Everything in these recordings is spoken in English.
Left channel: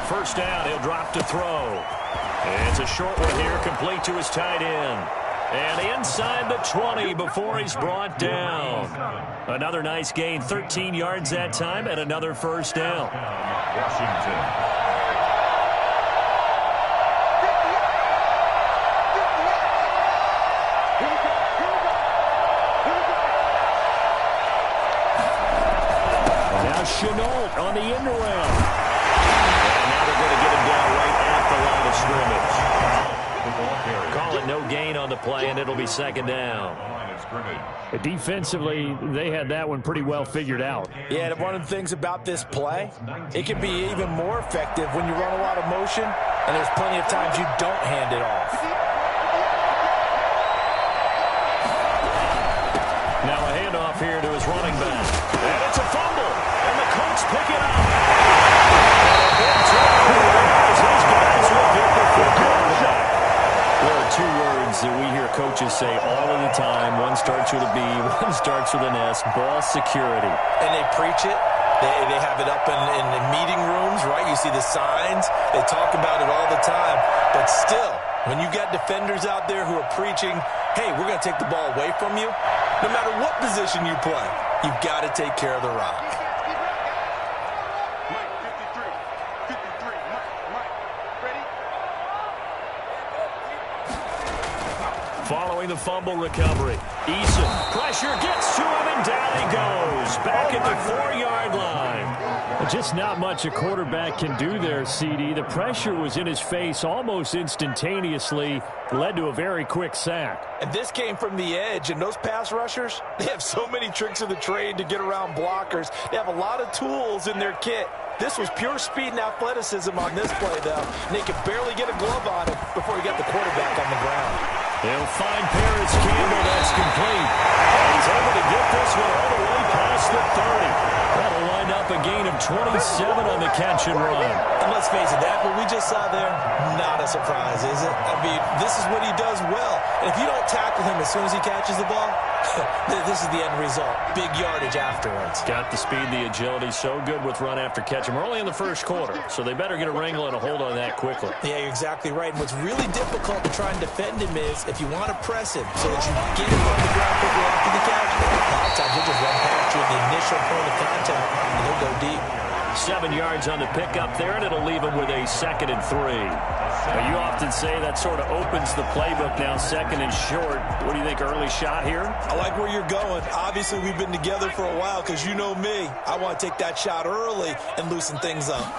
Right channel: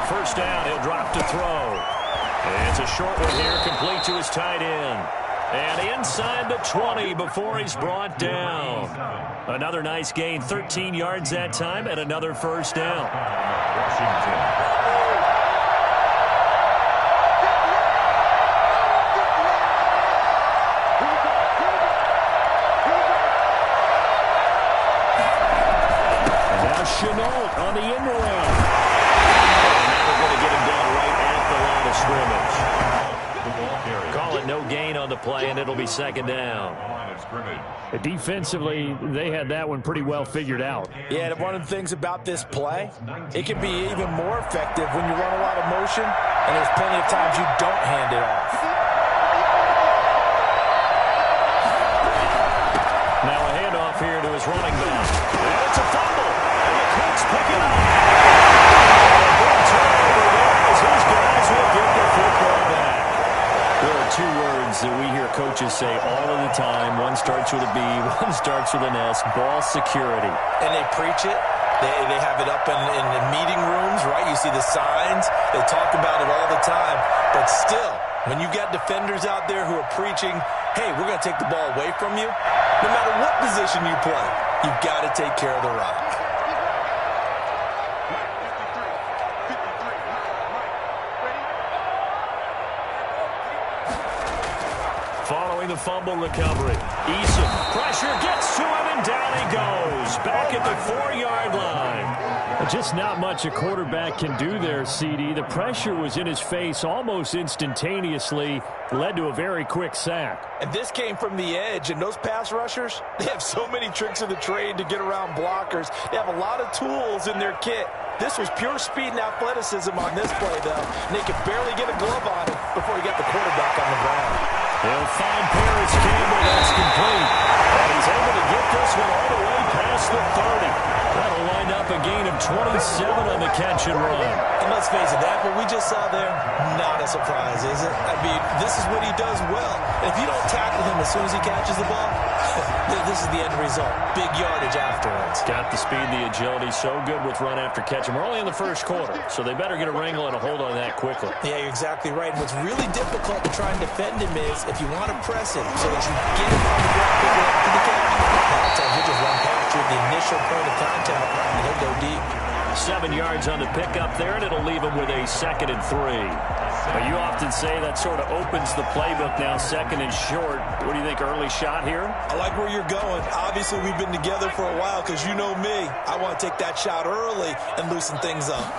On first down, he'll drop to throw. It's a short one here, complete to his tight end. And inside the 20 before he's brought down. Another nice gain, 13 yards that time, and another first down. Washington. And now Chenault on the end around. And now they're going to get him down right at the line of scrimmage. Call it no gain on the play, and it'll be second down. Defensively, they had that one pretty well figured out. Yeah, one of the things about this play, it can be even more effective when you run a lot of motion, and there's plenty of times you don't hand it off. Now a handoff here to his running back. And it's a fumble, and the Colts pick it up. And a big turnover there as his guys will get the football back. There are two words that we hear coaches say all of the time. One starts with a B, one starts with an S, ball security. And they preach it. They have it up in the meeting rooms, right? You see the signs. They talk about it all the time. But still, when you got defenders out there who are preaching, hey, we're going to take the ball away from you, no matter what position you play, you've got to take care of the rock. Following the fumble recovery, Eason, pressure gets to him, and down he goes. Back at the 4-yard line. Just not much a quarterback can do there, CD. The pressure was in his face almost instantaneously, led to a very quick sack. And this came from the edge, and those pass rushers, they have so many tricks of the trade to get around blockers. They have a lot of tools in their kit. This was pure speed and athleticism on this play, though, and they could barely get a glove on him before he got the quarterback on the ground. He'll find Paris Campbell. That's complete. And he's able to get this one all the way past the 30. That'll wind up a gain of 27 on the catch and run. And let's face it, that what we just saw there, not a surprise, is it? I mean, this is what he does well. And if you don't tackle him as soon as he catches the ball, this is the end result. Big yardage afterwards. Got the speed, the agility, so good with run after catch. And we're only in the first quarter, so they better get a wrangle and a hold on that quickly. Yeah, you're exactly right. And what's really difficult to try and defend him is if you want to press him so that you get him on the ground quickly after the catch, a lot of times he'll just run past you at the initial point of contact, and he'll go deep. 7 yards on the pickup there, and it'll leave him with a 2nd and 3. Now, you often say that sort of opens the playbook now, 2nd and short. What do you think, early shot here? I like where you're going. Obviously, we've been together for a while because you know me. I want to take that shot early and loosen things up.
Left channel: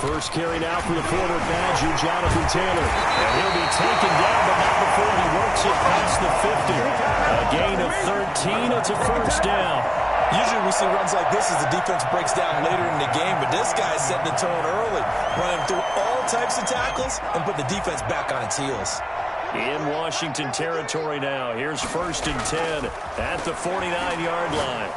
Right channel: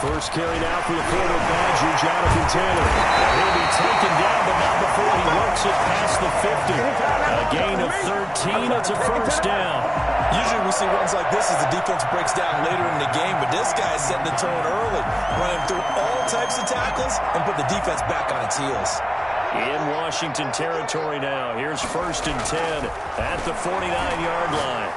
First carry now for the former Badger, Jonathan Taylor. And he'll be taken down, but not before he works it past the 50. A gain of 13. It's a first down. Usually we see runs like this as the defense breaks down later in the game, but this guy's setting the tone early, running through all types of tackles and put the defense back on its heels. In Washington territory now. Here's 1st and 10 at the 49-yard line.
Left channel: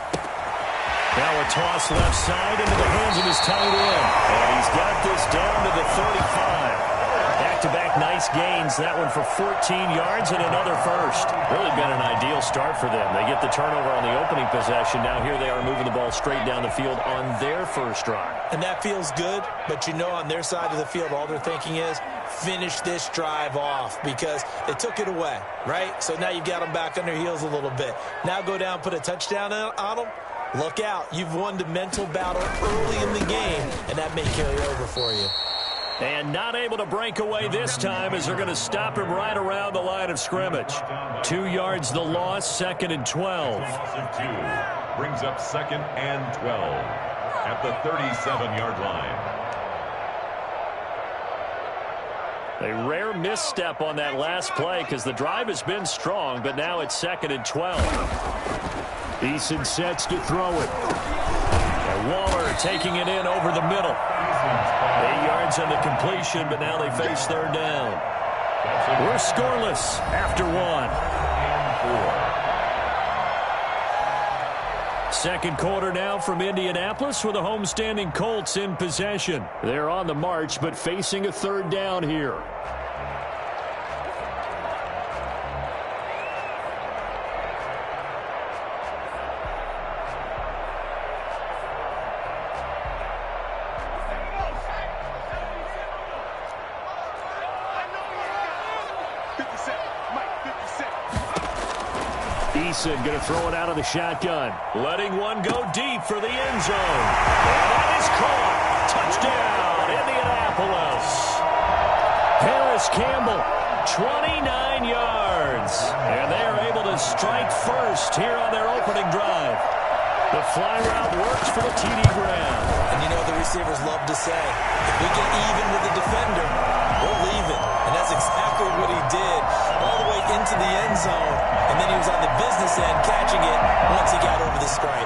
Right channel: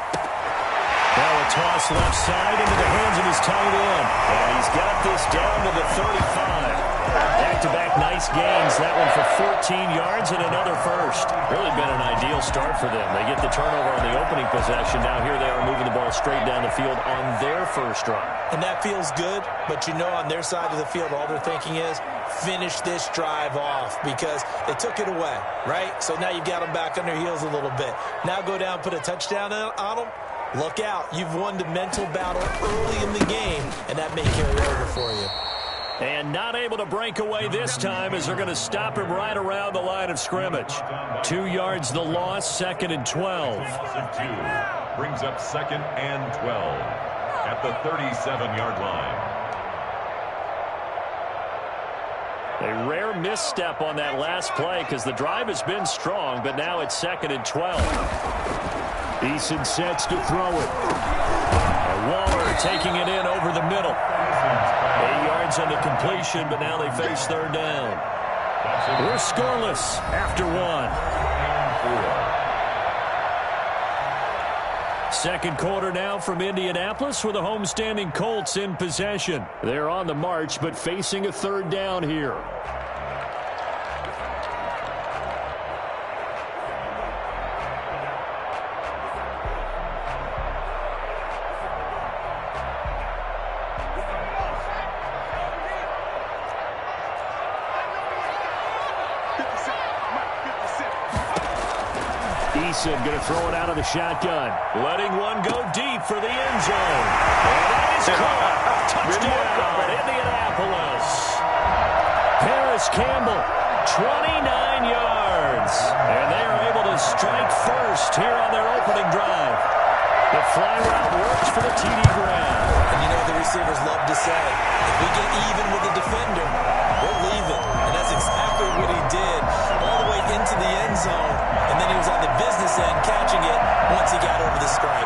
Now a toss left side into the hands of his tight end. And he's got this down to the 35. Back-to-back nice gains. That one for 14 yards and another first. Really been an ideal start for them. They get the turnover on the opening possession. Now here they are moving the ball straight down the field on their first drive. And that feels good, but you know on their side of the field all they're thinking is finish this drive off because they took it away, right? So now you've got them back on their heels a little bit. Now go down, put a touchdown on them. Look out. You've won the mental battle early in the game, and that may carry over for you. And not able to break away this time as they're going to stop him right around the line of scrimmage. 2 yards the loss, 2nd and 12. Brings up 2nd and 12 at the 37-yard line. A rare misstep on that last play because the drive has been strong, but now it's 2nd and 12. Eason sets to throw it. And Waller taking it in over the middle. 8 yards on the completion, but now they face 3rd down. We're scoreless after 1. 2nd quarter now from Indianapolis with the homestanding Colts in possession. They're on the march, but facing a 3rd down here. Mason going to throw it out of the shotgun. Letting one go deep for the end zone. And that is caught. Touchdown, Indianapolis. Paris Campbell, 29 yards. And they are able to strike first here on their opening drive. The fly route works for the TD grab. And you know the receivers love to say, if we get even with the defender, we're leaving. And that's exactly what he did all the way into the end zone. And then he was on the business end catching it once he got over the stripe.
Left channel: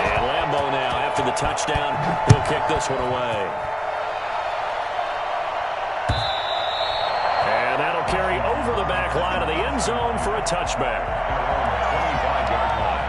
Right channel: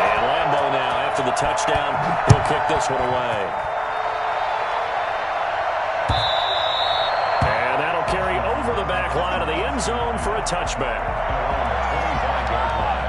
And Lambeau now, after the touchdown, he'll kick this one away. And that'll carry over the back line of the end zone for a touchback. 25-yard line.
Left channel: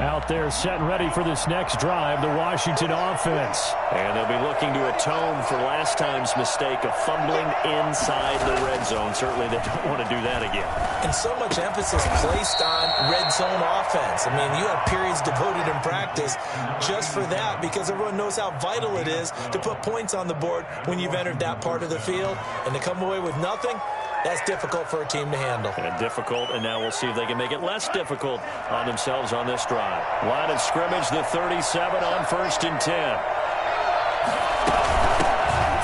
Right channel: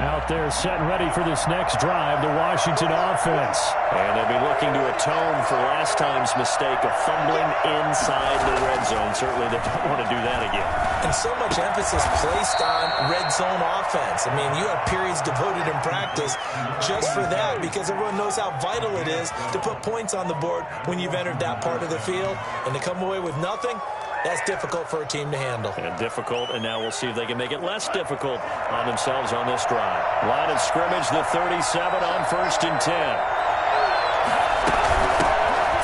Out there set and ready for this next drive, the Washington offense. And they'll be looking to atone for last time's mistake of fumbling inside the red zone. Certainly they don't want to do that again. And so much emphasis placed on red zone offense. I mean, you have periods devoted in practice just for that because everyone knows how vital it is to put points on the board when you've entered that part of the field. And to come away with nothing, that's difficult for a team to handle. And difficult, and now we'll see if they can make it less difficult on themselves on this drive. Line of scrimmage, the 37 on 1st and 10.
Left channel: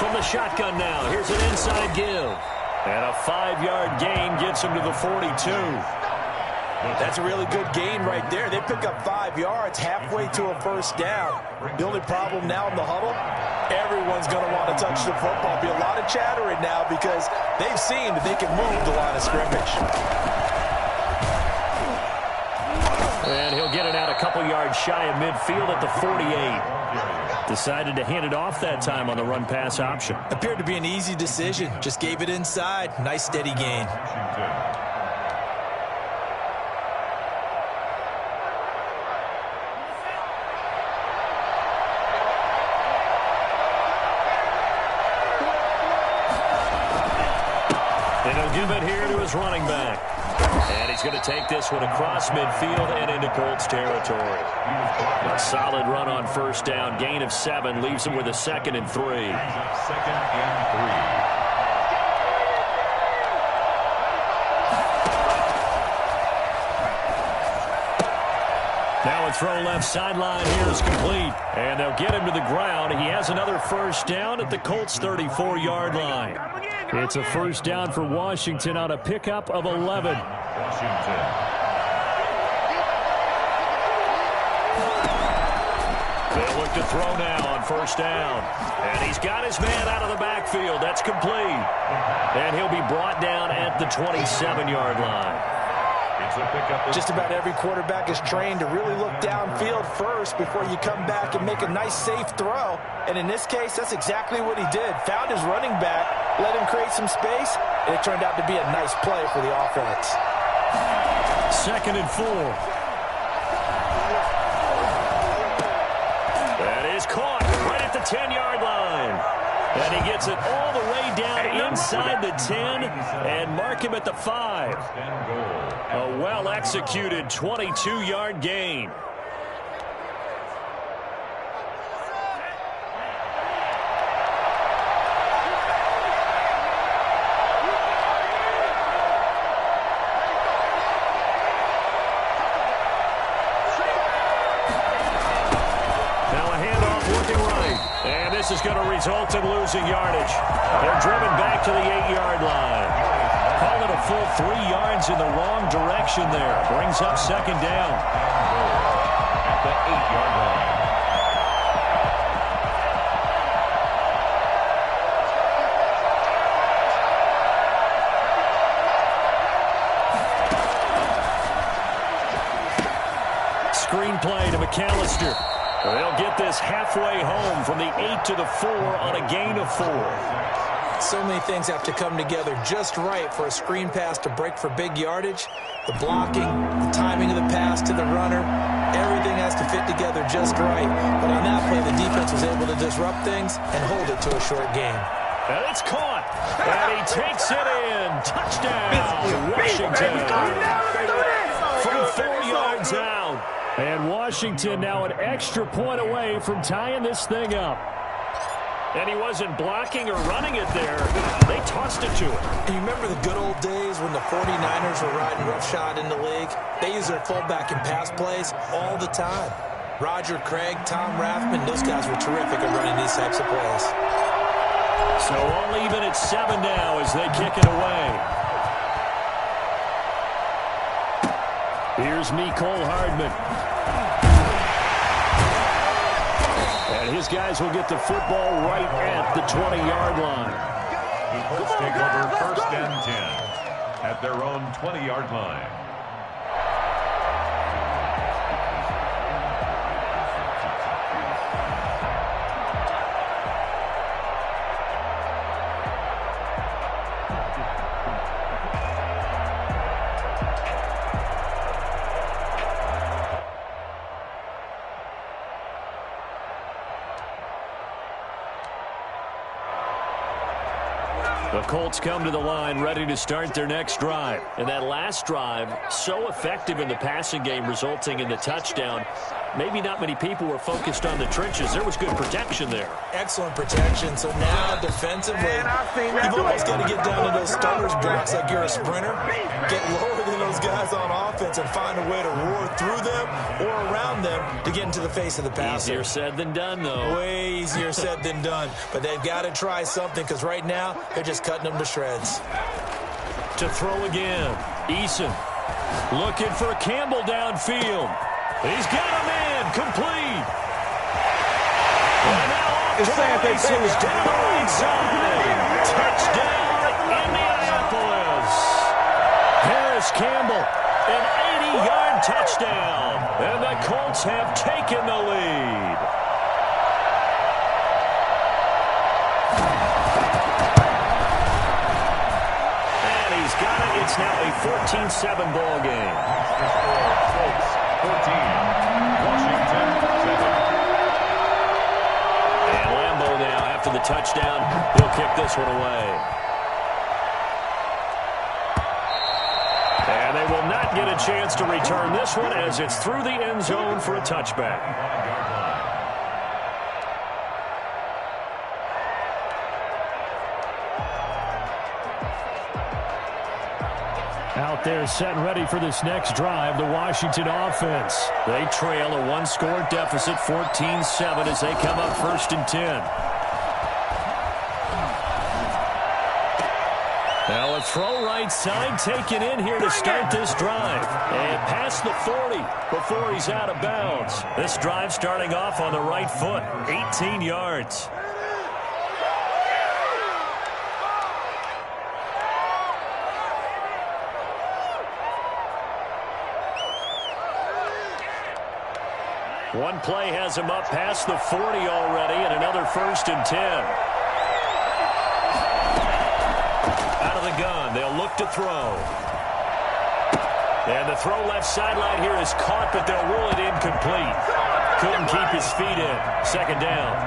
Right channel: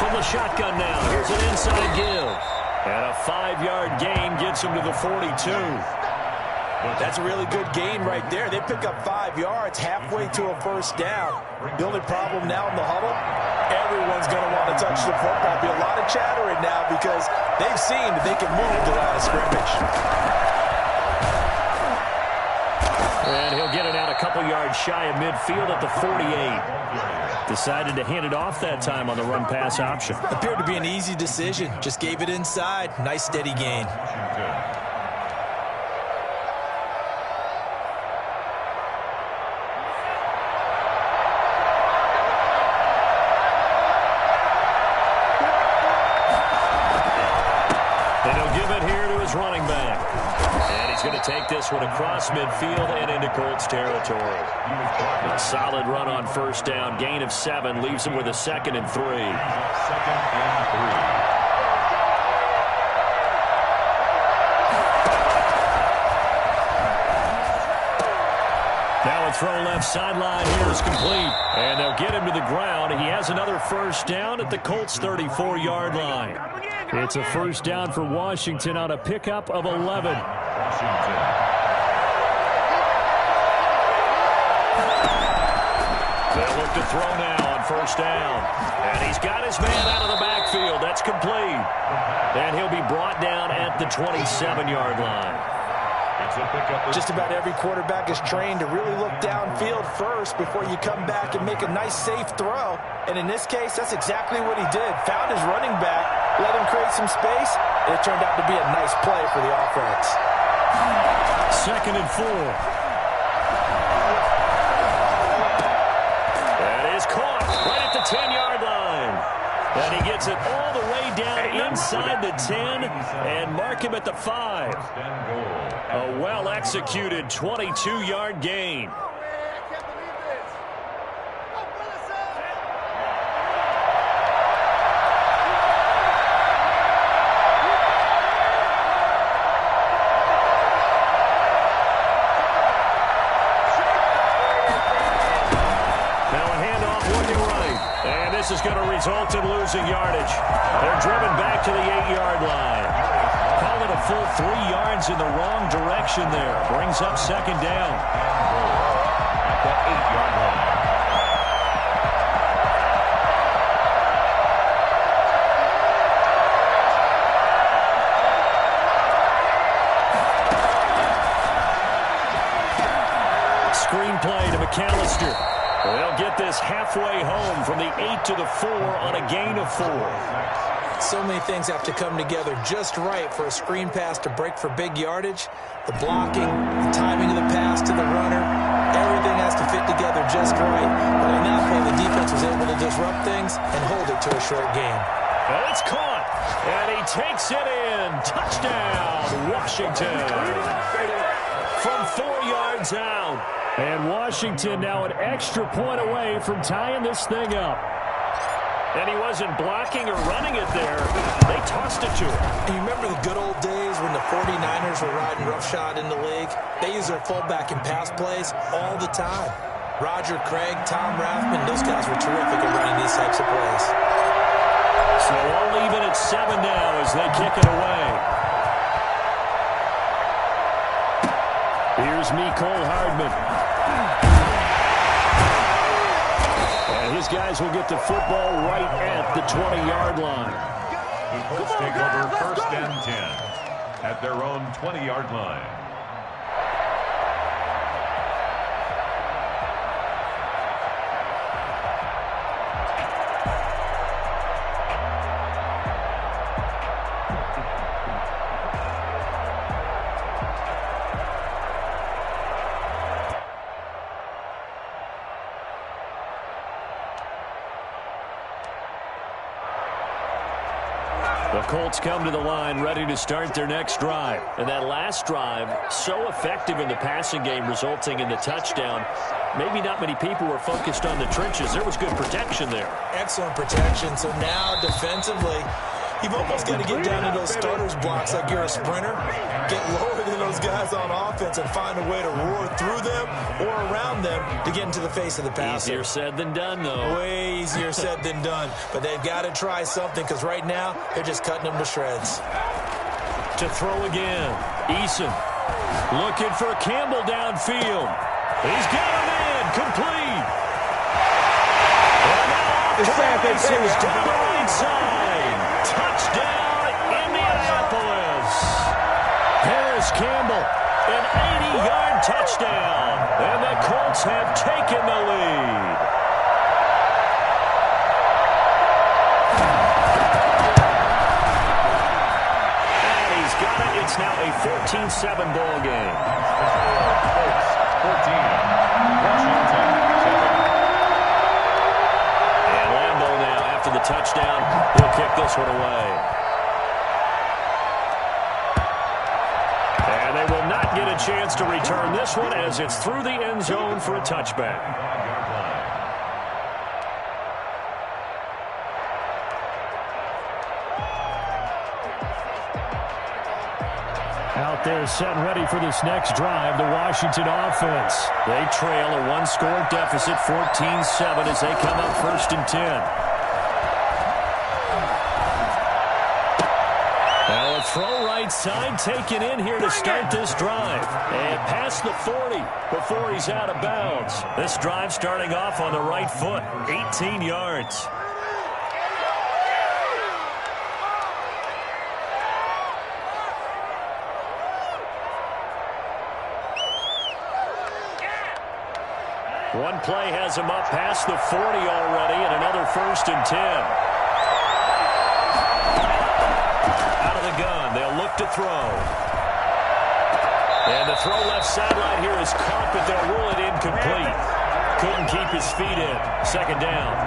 From the shotgun now, here's an inside give. And a 5-yard gain gets him to the 42. That's a really good gain right there. They pick up 5 yards halfway to a first down. The only problem now in the huddle, everyone's going to want to touch the football. Be a lot of chattering now because they've seen that they can move the line of scrimmage. And he'll get it out a couple yards shy of midfield at the 48. Decided to hand it off that time on the run-pass option. Appeared to be an easy decision. Just gave it inside. Nice steady gain. And he'll give it here to his running back. And he's going to take this one across midfield and into Colts territory. A solid run on first down. Gain of 7 leaves him with a 2nd and 3. 2nd and 3. Now a throw left sideline here is complete. And they'll get him to the ground. He has another first down at the Colts 34-yard line. It's a first down for Washington on a pickup of 11. Washington. They'll look to throw now on first down. And he's got his man out of the backfield. That's complete. And he'll be brought down at the 27-yard line. It's a pickup. Just about every quarterback is trained to really look downfield first before you come back and make a nice, safe throw. And in this case, that's exactly what he did. Found his running back, let him create some space, and it turned out to be a nice play for the offense. 2nd and 4. That is caught right at the 10-yard line. And he gets it all the way down inside the 10 and mark him at the 5. A well-executed 22-yard gain. Now a handoff looking right. And this is going to result in losing yardage. They're driven back to the 8-yard line. Call it a full 3 yards in the wrong direction there. Brings up 2nd down. At the 8-yard line. Screenplay to McAllister. They'll get this halfway home from the 8 to the 4 on a gain of 4. So many things have to come together just right for a screen pass to break for big yardage. The blocking, the timing of the pass to the runner, everything has to fit together just right. But on that play, the defense was able to disrupt things and hold it to a short game. And it's caught. And he takes it in. Touchdown, Washington. From 4 yards out. And Washington now an extra point away from tying this thing up. And he wasn't blocking or running it there. They tossed it to him. And you remember the good old days when the 49ers were riding roughshod in the league? They used their fullback in pass plays all the time. Roger Craig, Tom Rathman, those guys were terrific at running these types of plays. So all even at 7 now as they kick it away. Here's Mecole Hardman. And his guys will get the football right at the 20-yard line. The Colts take over 1st and 10 at their own 20-yard line. The Colts come to the line ready to start their next drive. And that last drive, so effective in the passing game, resulting in the touchdown. Maybe not many people were focused on the trenches. There was good protection there. Excellent protection. So now defensively, you've almost got to get down to those starters blocks like you're a sprinter. Get lower than those guys on offense and find a way to roar through them or around them to get into the face of the passer. Easier said than done, though. Way easier said than done. But they've got to try something because right now they're just cutting them to shreds. To throw again. Eason looking for Campbell downfield. He's got a man complete. And now off to the races down the right side. Touchdown, Indianapolis. Paris Campbell, an 80-yard touchdown. And the Colts have taken the lead. And he's got it. It's now a 14-7 ball game. The score, Colts 14, Washington 7. And Lambeau now, after the touchdown, he'll kick this one away. And they will not get a chance to return this one as it's through the end zone for a touchback. 5-yard line. Out there set and ready for this next drive, the Washington offense. They trail a one-score deficit, 14-7, as they come up 1st and 10. Now a throw right side taken in here to start this drive. And past the 40 before he's out of bounds. This drive starting off on the right foot, 18 yards. One play has him up past the 40 already, and another 1st and 10. Out of the gun, they'll look to throw. And the throw left sideline here is caught, but they'll rule it incomplete. Couldn't keep his feet in. 2nd down.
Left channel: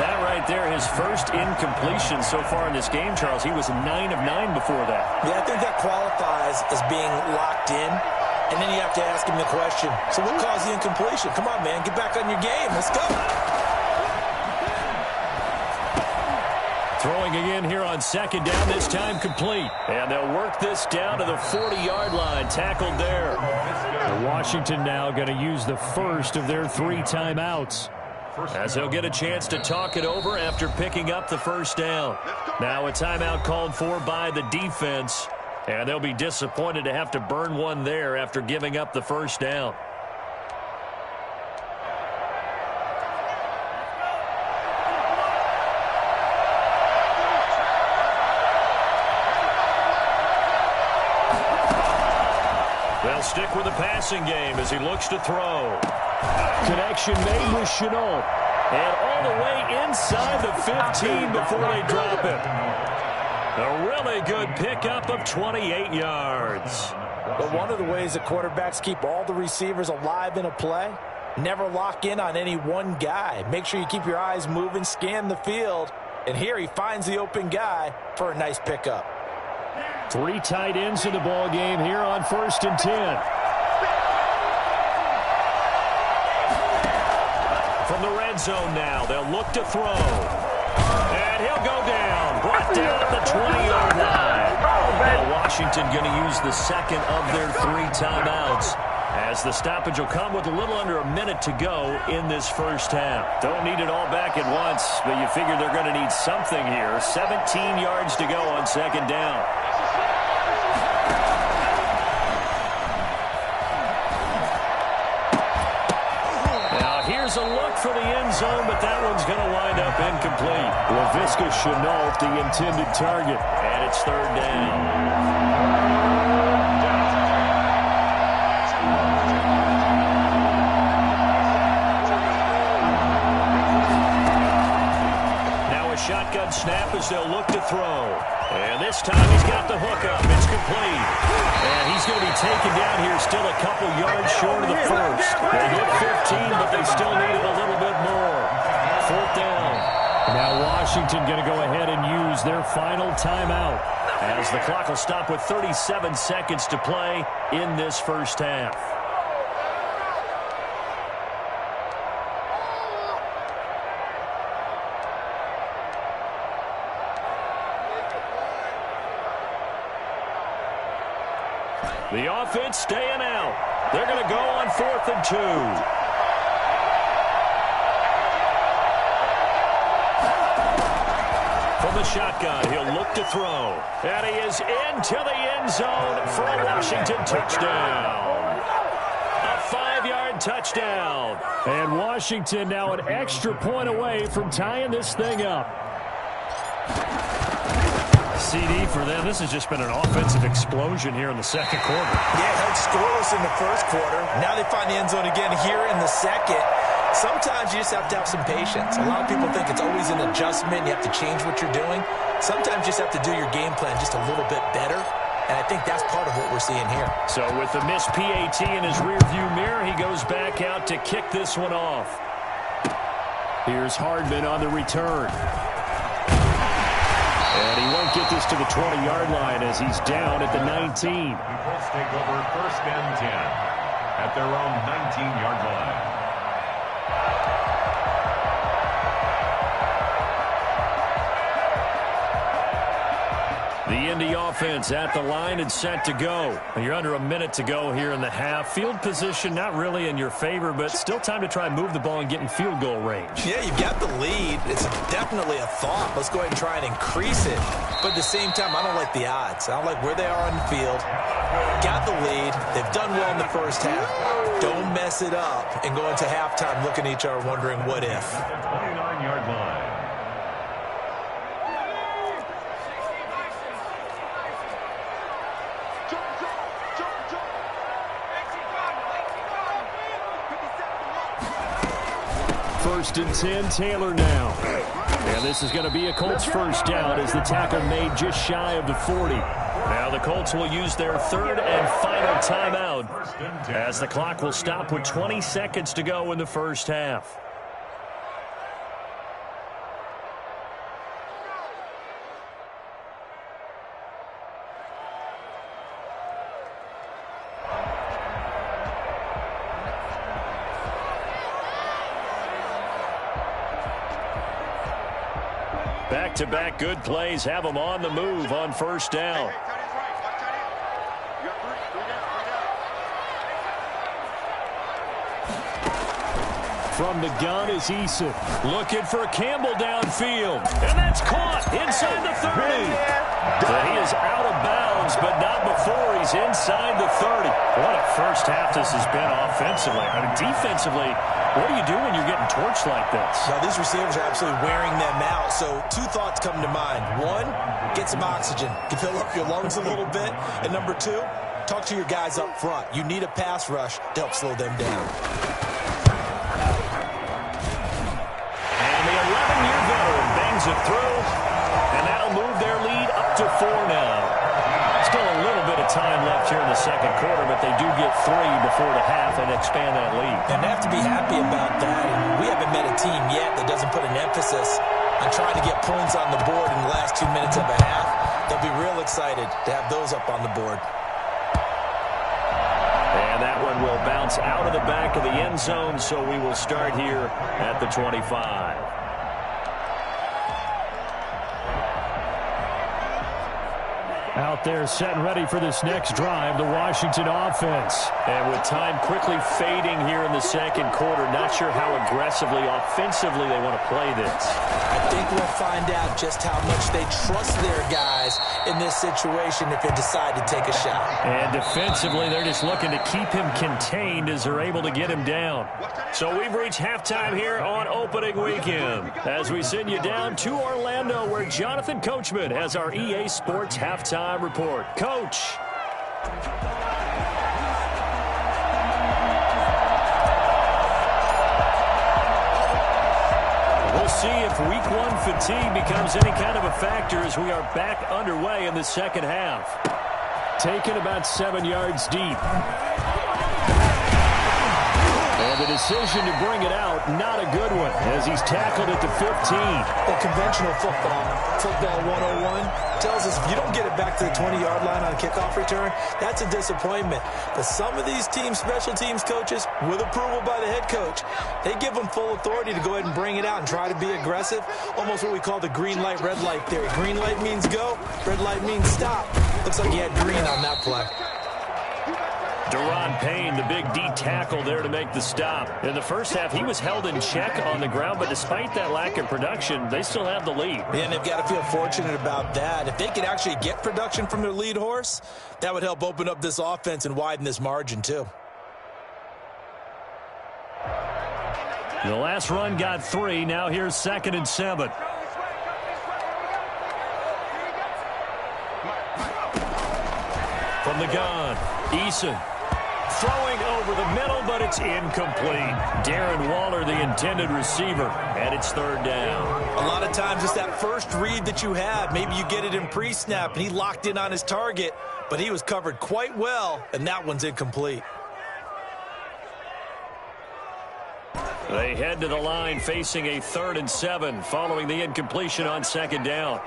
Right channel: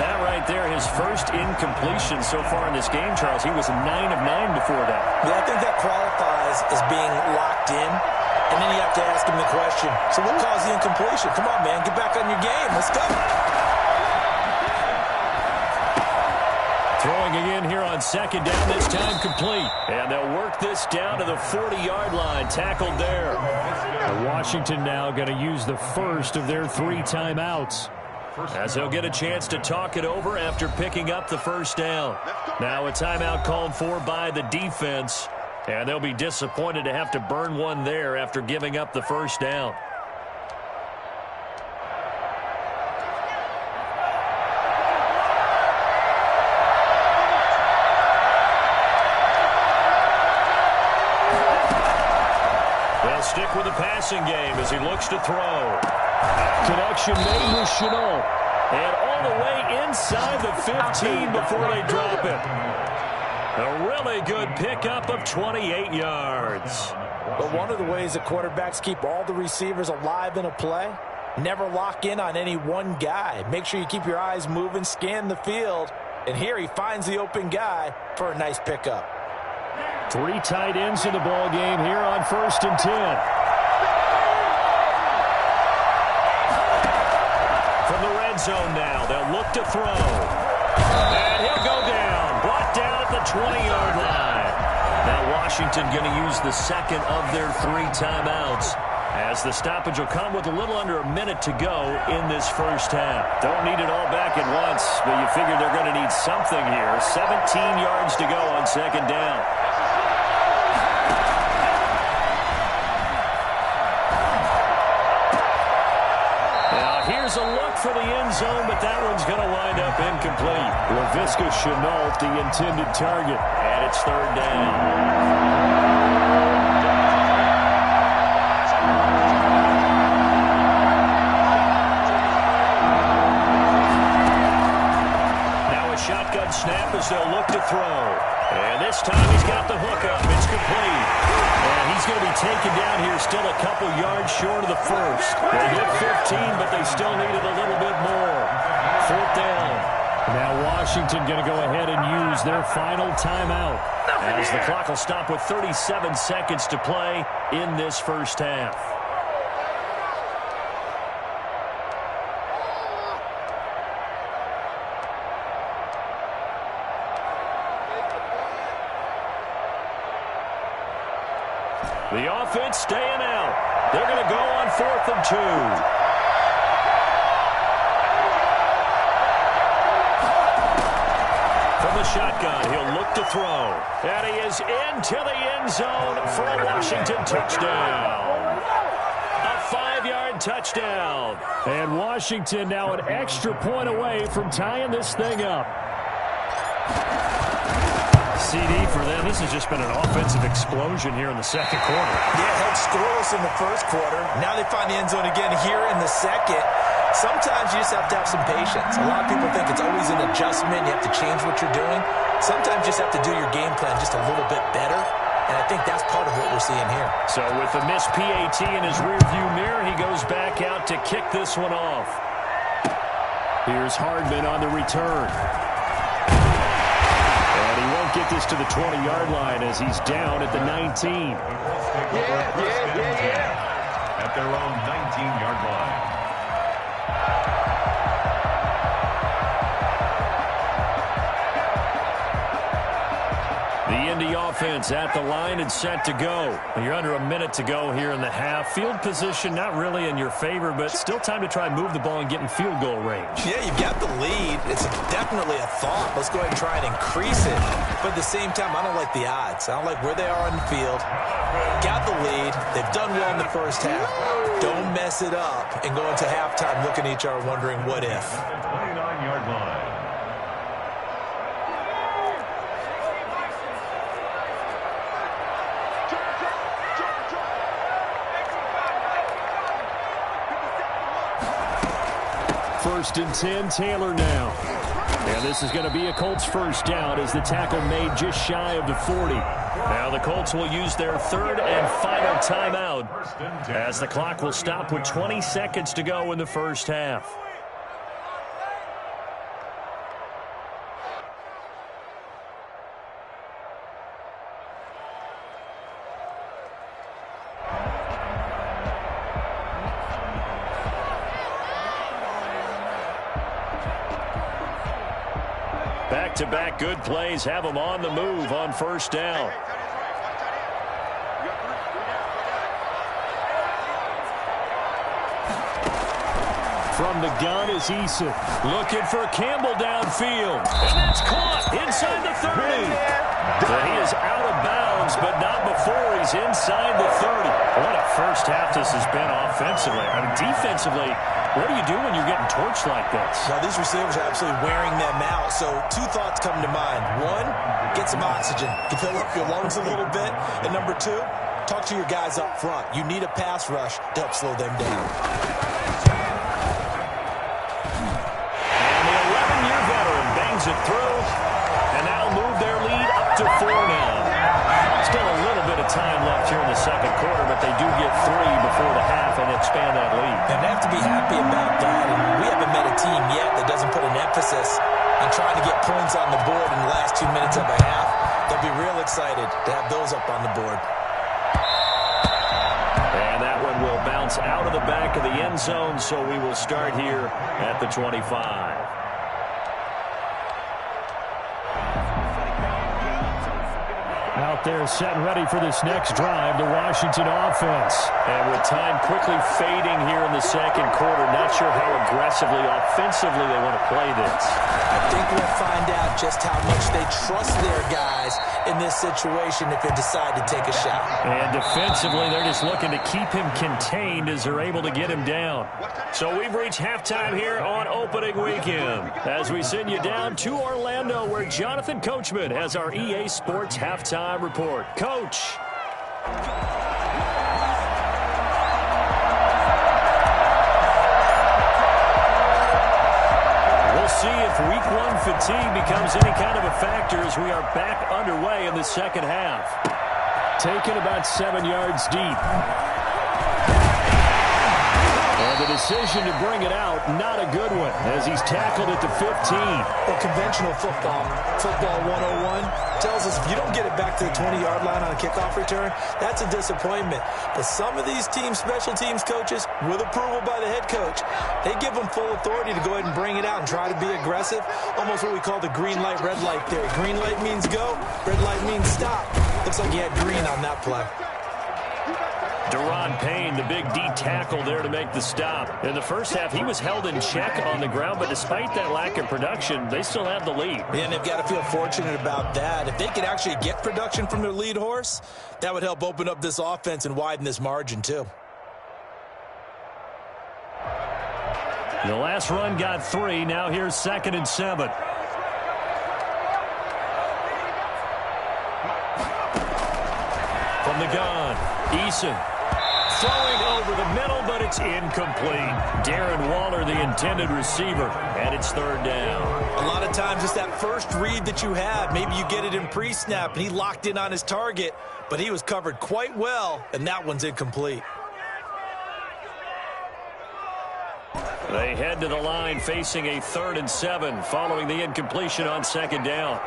That right there, his first incompletion so far in this game, Charles. He was 9 of 9 before that. Yeah, I think that qualifies as being locked in. And then you have to ask him the question, so what caused the incompletion? Come on, man, get back on your game. Let's go. Throwing again here on 2nd down, this time complete. And they'll work this down to the 40-yard line, tackled there. And Washington now going to use the first of their 3 timeouts, as they'll get a chance to talk it over after picking up the 1st down. Now a timeout called for by the defense. And they'll be disappointed to have to burn one there after giving up the 1st down. They'll stick with the passing game as he looks to throw. Connection made with Chenault. And all the way inside the 15 before they drop it. A really good pickup of 28 yards. But one of the ways that quarterbacks keep all the receivers alive in a play, never lock in on any one guy. Make sure you keep your eyes moving, scan the field. And here he finds the open guy for a nice pickup. 3 tight ends in the ball game here on 1st and 10. from the red zone now. They'll look to throw. And he'll go down. Brought down at the 20-yard line. Now Washington going to use the second of their 3 timeouts, as the stoppage will come with a little under a minute to go in this first half. Don't need it all back at once, but you figure they're going to need something here. 17 yards to go on second down. Now here's a look for the end zone, but that one's going to wind up incomplete. Laviska Shenault, the intended target, and it's third down. Shotgun snap as they'll look to throw. And this time he's got the hook up. It's complete. And he's going to be taken down here still a couple yards short of the first. They hit 15, but they still needed a little bit more. Fourth down. Now Washington going to go ahead and use their final timeout, as the clock will stop with 37 seconds to play in this first half. The offense staying out. They're going to go on 4th and 2. From the shotgun, he'll look to throw. And he is into the end zone for a Washington touchdown. A 5-yard touchdown. And Washington now an extra point away from tying this thing up. CD for them. This has just been an offensive explosion here in the second quarter. Yeah, held scoreless in the first quarter. Now they find the end zone again here in the second. Sometimes you just have to have some patience. A lot of people think it's always an adjustment. You have to change what you're doing. Sometimes you just have to do your game plan just a little bit better. And I think that's part of what we're seeing here. So with the missed PAT in his rearview mirror, he goes back out to kick this one off. Here's Hardman on the return. And he won't get this to the 20-yard line as he's down at the 19. The Colts take over 1st and 10 at their own 19-yard line. The Indy offense at the line and set to go. You're under a minute to go here in the half. Field position not really in your favor, but still time to try and move the ball and get in field goal range. Yeah, you've got the lead. It's definitely a thought. Let's go ahead and try and increase it. But at the same time, I don't like the odds. I don't like where they are on the field. Got the lead. They've done well in the first half. Don't mess it up and go into halftime looking at each other wondering what if. The 29-yard line. First and 10, Taylor now. And this is going to be a Colts first down as the tackle made just shy of the 40. Now the Colts will use their third and final timeout as the clock will stop with 20 seconds to go in the first half. Back-to-back good plays have them on the move on first down. From the gun is Eason. Looking for Campbell downfield. And that's caught inside the 30. He is out of bounds, but not before he's inside the 30. What a first half this has been offensively. I mean, defensively, what do you do when you're getting torched like this? Now, these receivers are absolutely wearing them out. So, 2 thoughts come to mind. 1, get some oxygen. Fill up your lungs a little bit. And number 2, talk to your guys up front. You need a pass rush to help slow them down. And the 11-year veteran bangs it through. And that'll move their lead up to 4 now. Still a little bit of time left here in the second quarter, but they do get 3 before the half and expand that lead. And they have to be happy about that. And we haven't met a team yet that doesn't put an emphasis on trying to get points on the board in the last 2 minutes of a half. They'll be real excited to have those up on the board. And that one will bounce out of the back of the end zone, so we will start here at the 25. Out there set and ready for this next drive, the Washington offense. And with time quickly fading here in the second quarter, not sure how aggressively, offensively they want to play this. I think we'll find out just how much they trust their guys in this situation if they decide to take a shot. And defensively, they're just looking to keep him contained as they're able to get him down. So we've reached halftime here on opening weekend as we send you down to Orlando, where Jonathan Coachman has our EA Sports halftime report. Coach. We'll see if week one fatigue becomes any kind of a factor as we are back underway in the second half. Taken about 7 yards deep. And the decision to bring it out, not a good one, as he's tackled at the 15. Well, conventional football 101, tells us if you don't get it back to the 20-yard line on a kickoff return, that's a disappointment. But some of these special teams coaches, with approval by the head coach, they give them full authority to go ahead and bring it out and try to be aggressive, almost what we call the green light, red light theory. Green light means go, red light means stop. Looks like he had green on that play. Daron Payne, the big D tackle there to make the stop. In the first half, he was held in check on the ground, but despite that lack of production, they still have the lead. And they've got to feel fortunate about that. If they could actually get production from their lead horse, that would help open up this offense and widen this margin too. The last run got 3. Now here's 2nd and 7. From the gun, Eason. Throwing over the middle, but it's incomplete. Darren Waller, the intended receiver, and it's 3rd down. A lot of times it's that first read that you have. Maybe you get it in pre-snap, and he locked in on his target, but he was covered quite well, and that one's incomplete. They head to the line facing a 3rd and 7 following the incompletion on 2nd down.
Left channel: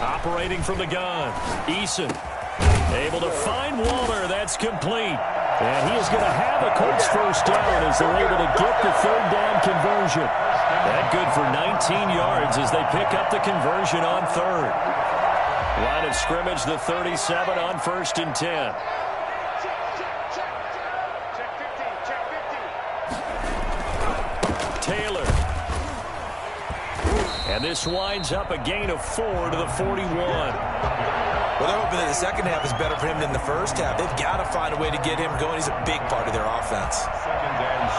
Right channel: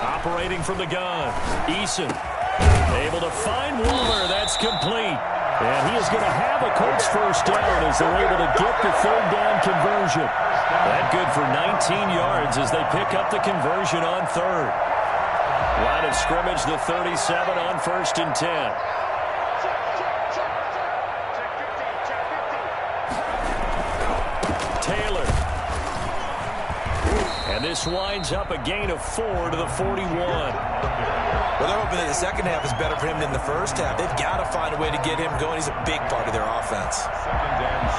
Operating from the gun, Eason able to find Waller. That's complete. And he is going to have a Colts 1st down as they're able to get the 3rd down conversion. That good for 19 yards as they pick up the conversion on 3rd. Line of scrimmage, the 37 on 1st and 10. Taylor. And this winds up a gain of 4 to the 41. Well, they're hoping that the second half is better for him than the first half. They've got to find a way to get him going. He's a big part of their offense. 2nd and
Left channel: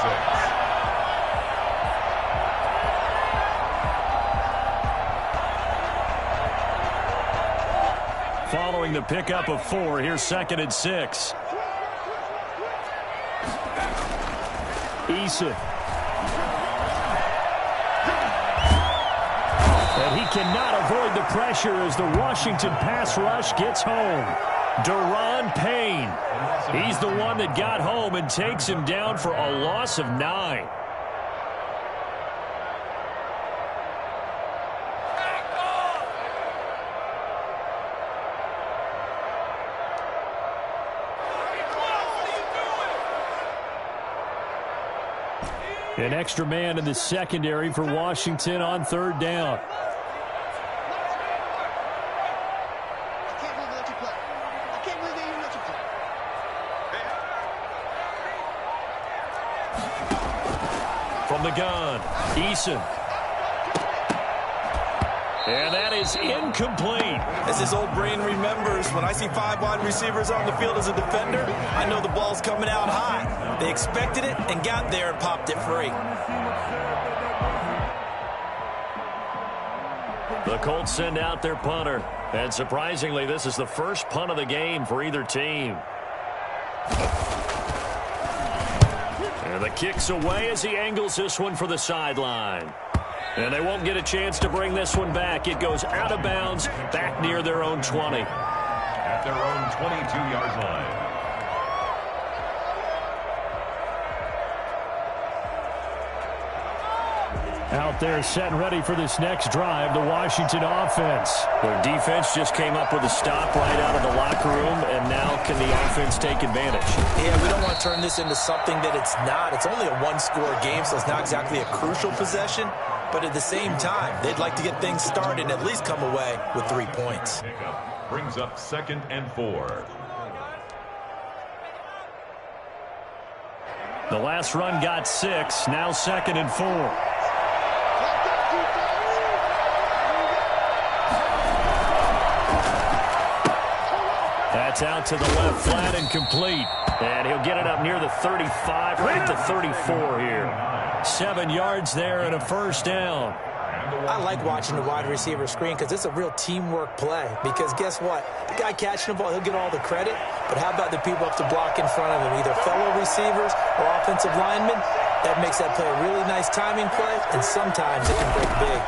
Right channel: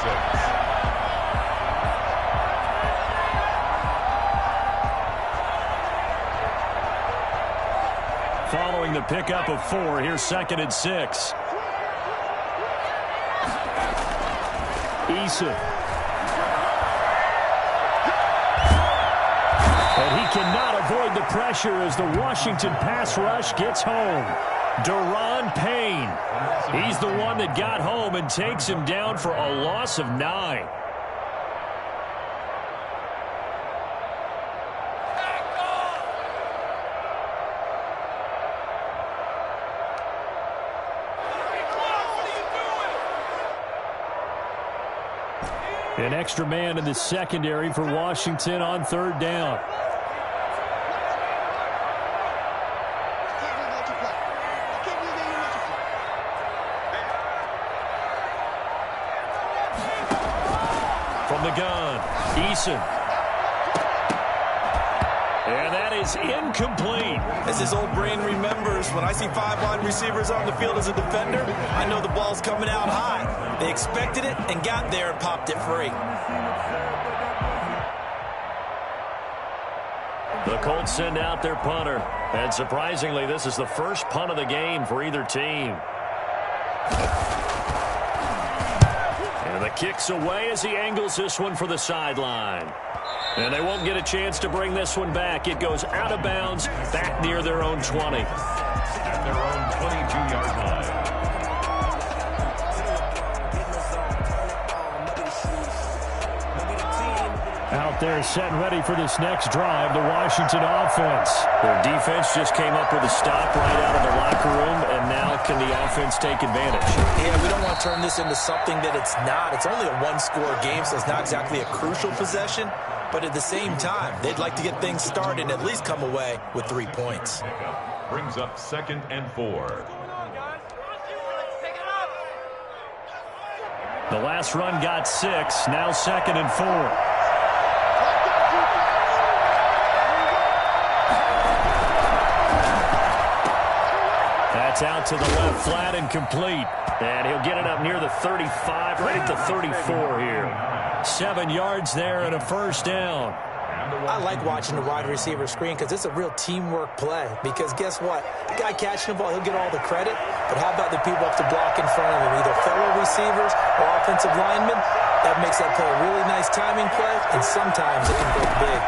6. Following the pickup of 4, here's 2nd and 6. Eason. And he cannot avoid the pressure as the Washington pass rush gets home. Daron Payne. He's the one that got home and takes him down for a loss of 9. An extra man in the secondary for Washington on 3rd down. From the gun, Eason. And that is incomplete. As his old brain remembers, when I see 5 wide receivers on the field as a defender, I know the ball's coming out high. They expected it and got there and popped it free. The Colts send out their punter. And surprisingly, this is the first punt of the game for either team. And the kick's away as he angles this one for the sideline. And they won't get a chance to bring this one back. It goes out of bounds back near their own 20. At their own 22-yard line. Out there set and ready for this next drive, the Washington offense. Their defense just came up with a stop right out of the locker room, and now can the offense take advantage? Yeah, we don't want to turn this into something that it's not. It's only a one-score game, so it's not exactly a crucial possession. But at the same time, they'd like to get things started and at least come away with 3 points. Brings up 2nd and 4. The last run got 6, now 2nd and 4. That's out to the left flat and complete. And he'll get it up near the 35, right at the 34 here. 7 yards there and a first down. I like watching the wide receiver screen because it's a real teamwork play. Because guess what? The guy catching the ball, he'll get all the credit. But how about the people up to block in front of him, either fellow receivers or offensive linemen? That makes that play a really nice timing play, and sometimes it can break big.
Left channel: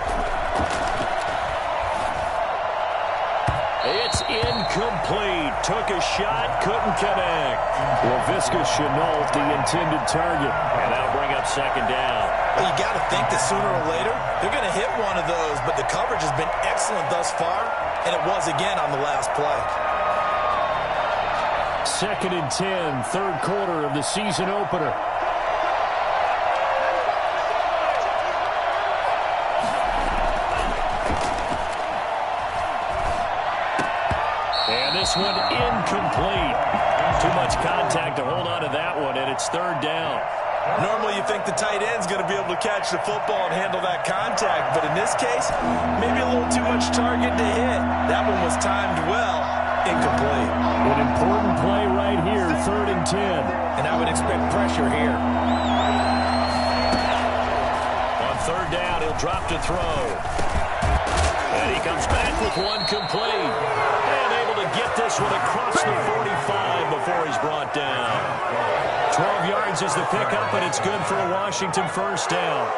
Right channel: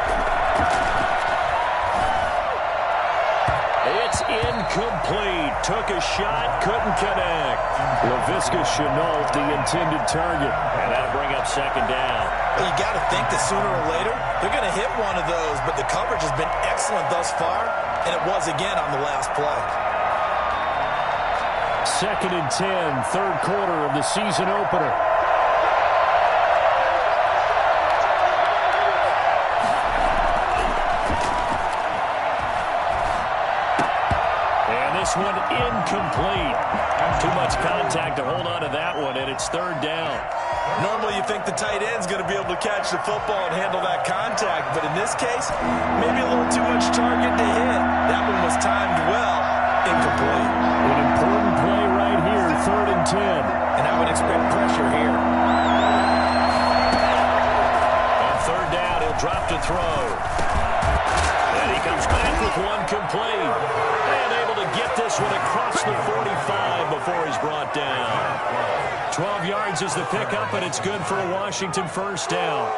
It's incomplete. Took a shot, couldn't connect. Laviska Shenault, the intended target. And that'll bring up 2nd down. Well, you got to think that sooner or later, they're going to hit one of those, but the coverage has been excellent thus far, and it was again on the last play. 2nd and 10, third quarter of the season opener. And this one incomplete. Too much contact to hold on to that one, and it's 3rd down. Normally you think the tight end's going to be able to catch the football and handle that contact, but in this case, maybe a little too much target to hit. That one was timed well, incomplete. An important play right here, 3rd and 10. And I would expect pressure here. On 3rd down, he'll drop to throw. And he comes back with one complete. And able to get this one across the 45 before he's brought down. 12 yards is the pickup, and it's good for a Washington first down.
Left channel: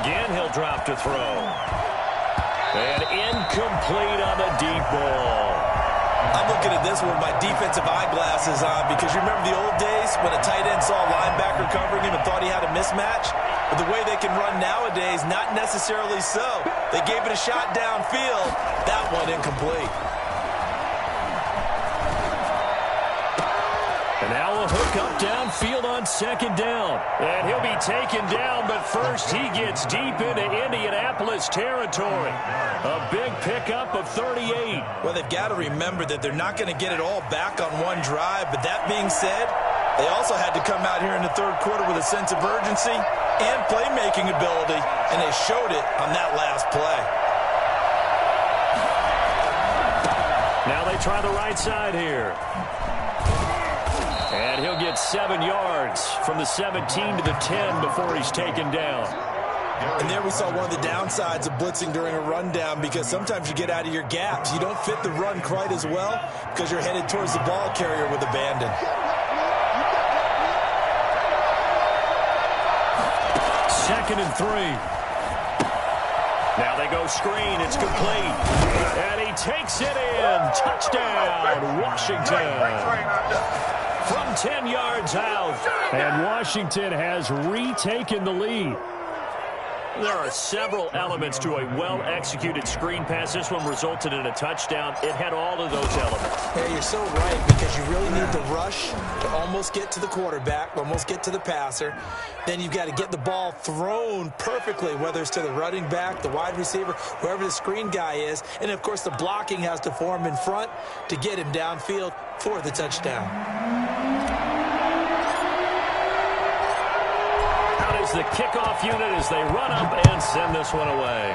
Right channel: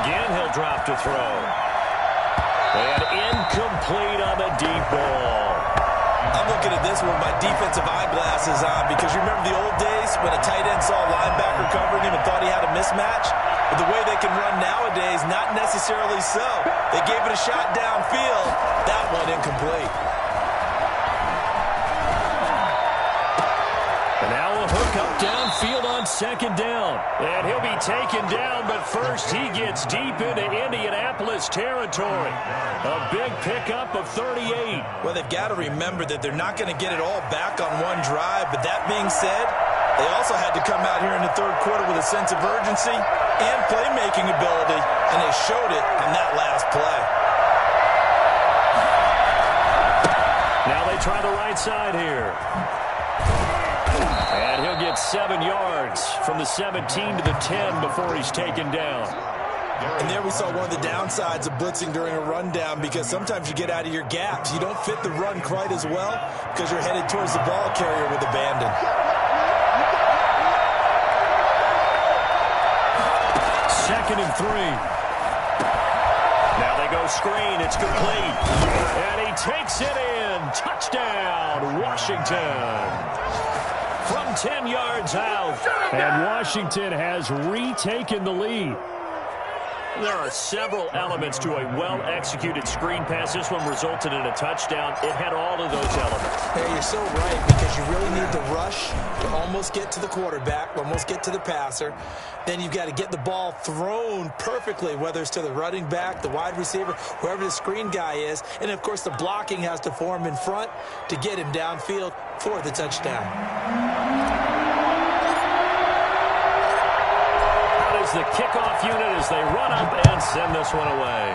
Again, he'll drop to throw. And incomplete on the deep ball. I'm looking at this one with my defensive eyeglasses on because you remember the old days when a tight end saw a linebacker covering him and thought he had a mismatch? But the way they can run nowadays, not necessarily so. They gave it a shot downfield. That one incomplete. And now a hook up downfield on 2nd down. And he'll be taken down, but first he gets deep into Indianapolis territory. A big pickup of 38. Well, they've got to remember that they're not going to get it all back on one drive. But that being said, they also had to come out here in the 3rd quarter with a sense of urgency and playmaking ability, and they showed it on that last play. Now they try the right side here. And he'll get 7 yards from the 17 to the 10 before he's taken down. And there we saw one of the downsides of blitzing during a rundown because sometimes you get out of your gaps. You don't fit the run quite as well because you're headed towards the ball carrier with abandon. 2nd and 3. Now they go screen. It's complete. And he takes it in. Touchdown, Washington. From 10 yards out. And Washington has retaken the lead. There are several elements to a well-executed screen pass. This one resulted in a touchdown. It had all of those elements. Yeah, you're so right because you really need the rush to almost get to the quarterback, almost get to the passer. Then you've got to get the ball thrown perfectly, whether it's to the running back, the wide receiver, whoever the screen guy is. And, of course, the blocking has to form in front to get him downfield for the touchdown. Out is the kickoff unit as they run up and send this one away.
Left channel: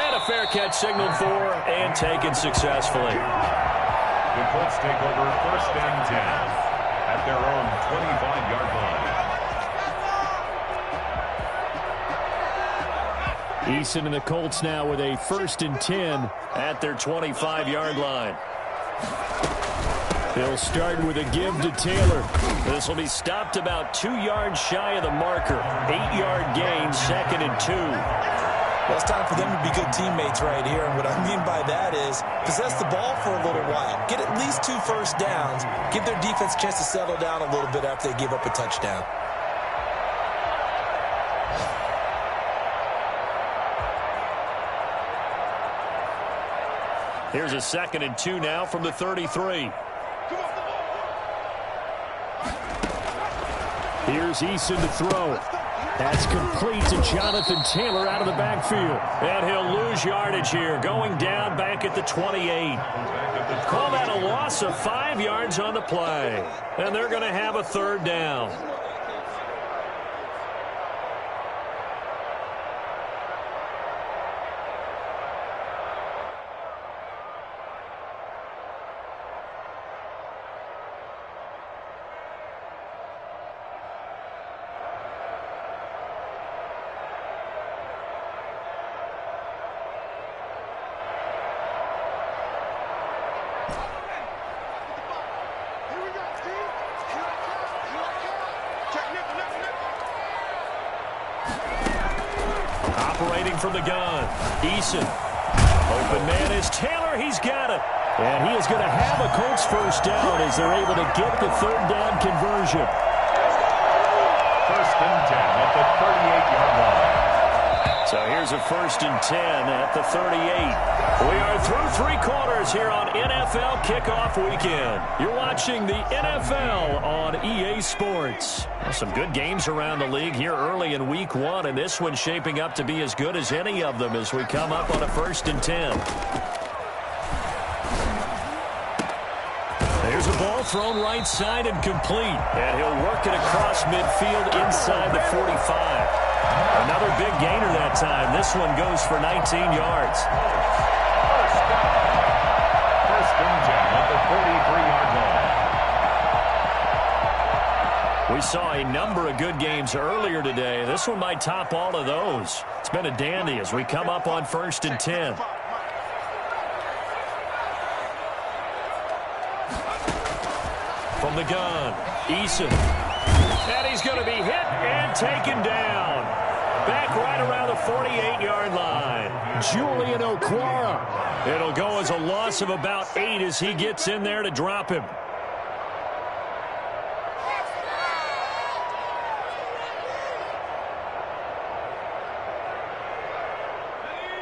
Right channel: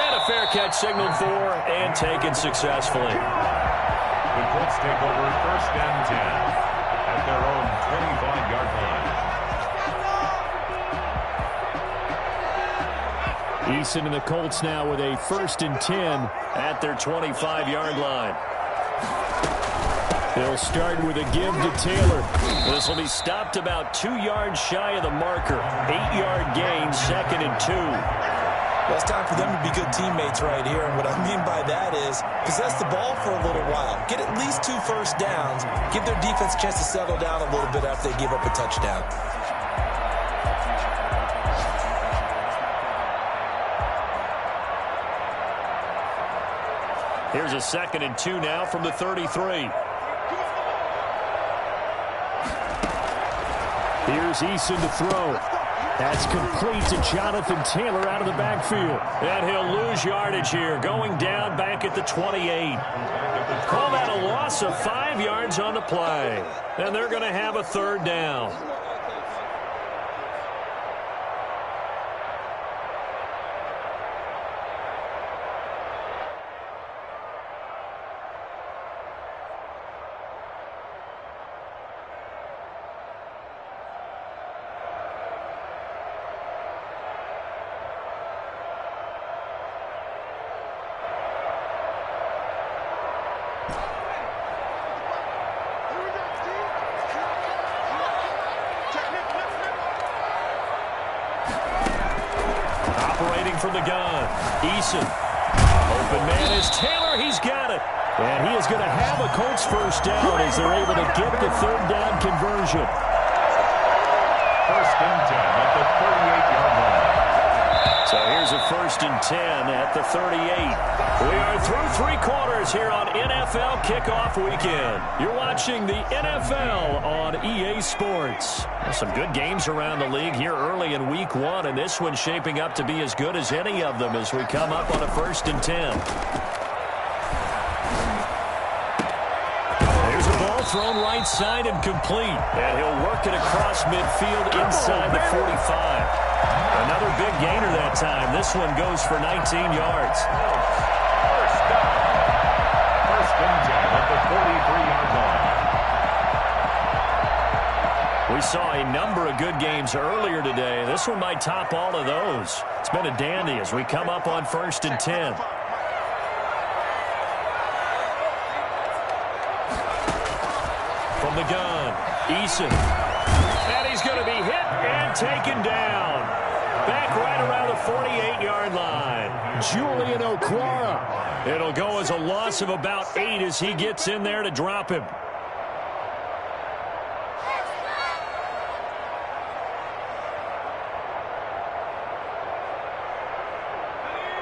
And a fair catch signaled for and taken successfully. The Colts take over 1st and 10 at their own 25-yard line. Eason and the Colts now with a 1st and 10 at their 25-yard line. They'll start with a give to Taylor. This will be stopped about 2 yards shy of the marker. 8-yard gain, 2nd and 2. Well, it's time for them to be good teammates right here, and what I mean by that is possess the ball for a little while. Get at least 2 first downs. Give their defense a chance to settle down a little bit after they give up a touchdown. Here's a 2nd and 2 now from the 33. Here's Eason to throw. That's complete to Jonathan Taylor out of the backfield. And he'll lose yardage here, going down back at the 28. Call that a loss of 5 yards on the play. And they're going to have a 3rd down. Operating from the gun, Eason. Open man is Taylor. He's got it. And he is going to have a Colts 1st down as they're able to get the 3rd down conversion. 1st and 10 at the 38-yard line. So here's a 1st and 10 at the 38. We are through 3 quarters here on NFL Kickoff Weekend. You're watching the NFL on EA Sports. Well, some good games around the league here early in Week 1, and this one's shaping up to be as good as any of them as we come up on a 1st and 10. There's a ball thrown right side and complete. And he'll work it across midfield inside the 45. Another big gainer that time. This one goes for 19 yards. 1st down. 1st and 10 at the 43-yard line. We saw a number of good games earlier today. This one might top all of those. It's been a dandy as we come up on 1st and 10. From the gun, Eason. And he's going to be hit and taken down. Back right around the 48-yard line. Julian Okwara. It'll go as a loss of about 8 as he gets in there to drop him.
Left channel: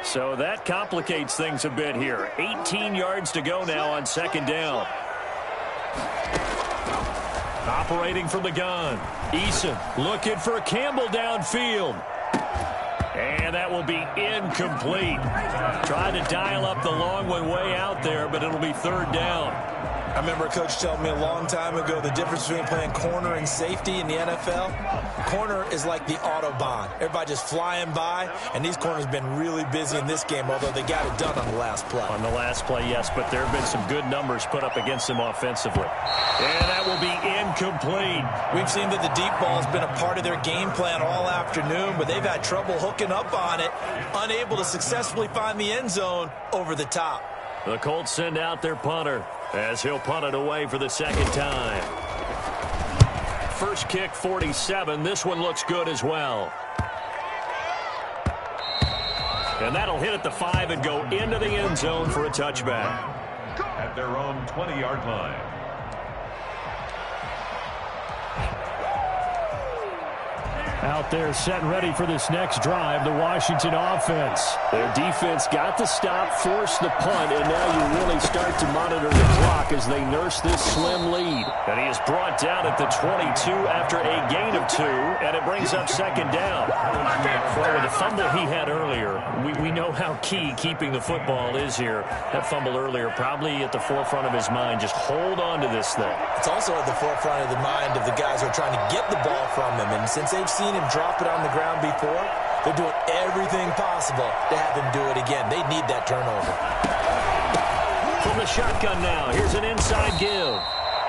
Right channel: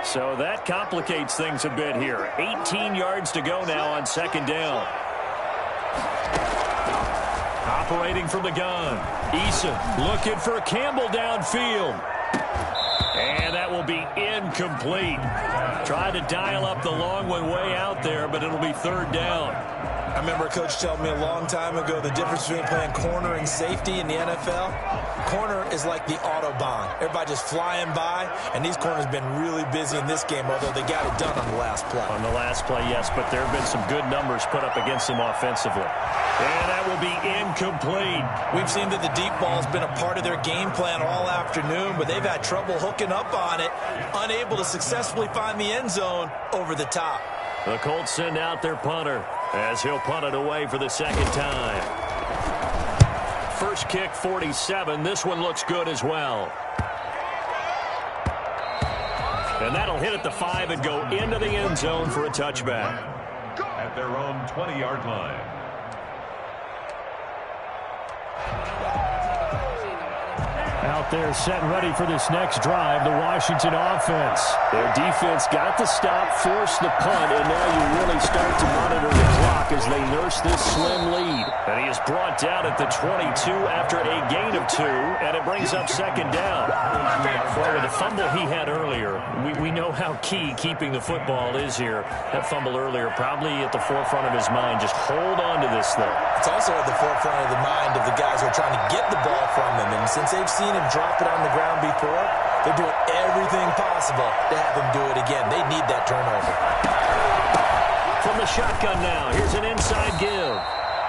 So that complicates things a bit here. 18 yards to go now on 2nd down. Operating from the gun, Eason looking for Campbell downfield. And that will be incomplete. Tried to dial up the long one way out there, but it'll be 3rd down. I remember a coach telling me a long time ago the difference between playing corner and safety in the NFL. Corner is like the Autobahn. Everybody just flying by, and these corners have been really busy in this game, although they got it done on the last play. On the last play, yes, but there have been some good numbers put up against them offensively. And that will be incomplete. We've seen that the deep ball has been a part of their game plan all afternoon, but they've had trouble hooking up on it, unable to successfully find the end zone over the top. The Colts send out their punter as he'll punt it away for the 2nd time. First kick, 47. This one looks good as well. And that'll hit at the 5 and go into the end zone for a touchback. At their own 20-yard line. Out there set and ready for this next drive, the Washington offense. Their defense got the stop, forced the punt, and now you really start to monitor the clock as they nurse this slim lead. And he is brought down at the 22 after a gain of 2, and it brings up 2nd down. Well, with the fumble he had earlier, we know how key keeping the football is here. That fumble earlier probably at the forefront of his mind. Just hold on to this thing. It's also at the forefront of the mind of the guys who are trying to get the ball from him, and since they've seen him drop it on the ground before, they're doing everything possible to have him do it again. They need that turnover. From the shotgun now, here's an inside give.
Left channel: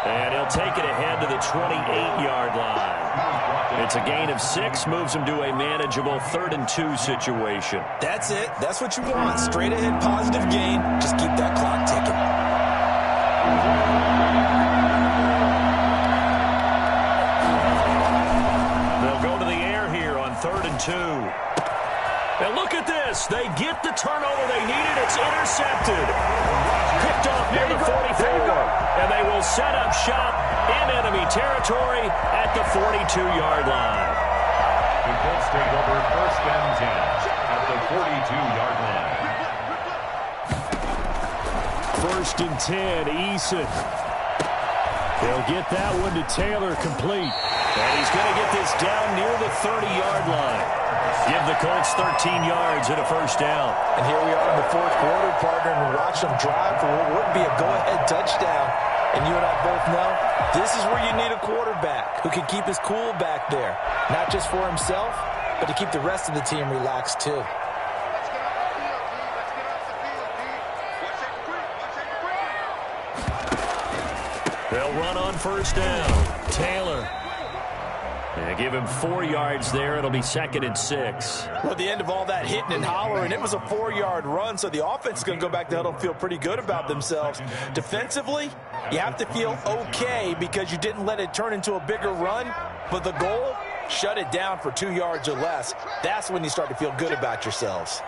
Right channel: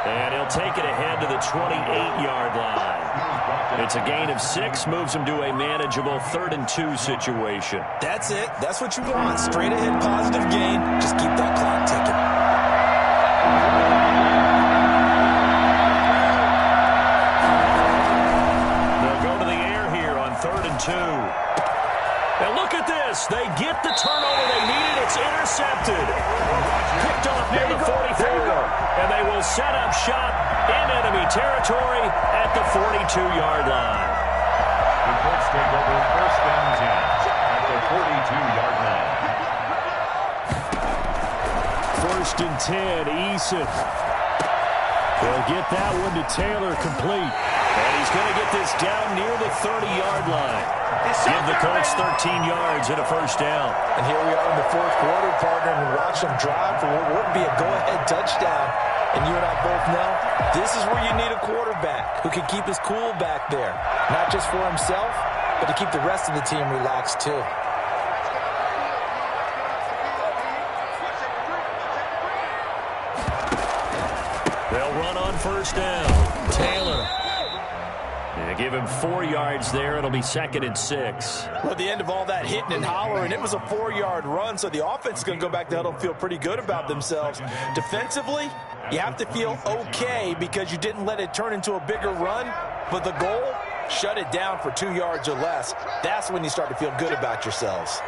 And he'll take it ahead to the 28-yard line. It's a gain of 6, moves him to a manageable 3rd-and-2 situation. That's it. That's what you want. Straight ahead positive gain. Just keep that clock ticking. They'll go to the air here on 3rd-and-2. And look at this. They get the turnover they needed. It's intercepted. Picked off near the 44. And they will set up shop in enemy territory at the 42-yard line. The Colts take over 1st and 10 at the 42-yard line. 1st and 10, Eason. They'll get that one to Taylor, complete. And he's going to get this down near the 30-yard line. Give the Colts 13 yards and a 1st down. And here we are in the 4th quarter, partner, and watch them drive for what would be a go-ahead touchdown. And you and I both know this is where you need a quarterback who can keep his cool back there. Not just for himself, but to keep the rest of the team relaxed too. They'll run on 1st down. Taylor. Yeah, give him 4 yards there. It'll be 2nd and 6. Well, at the end of all that hitting and hollering, it was a 4-yard run, so the offense is going to go back to huddle and feel pretty good about themselves. Defensively, you have to feel okay because you didn't let it turn into a bigger run, but the goal, shut it down for 2 yards or less. That's when you start to feel good about yourselves.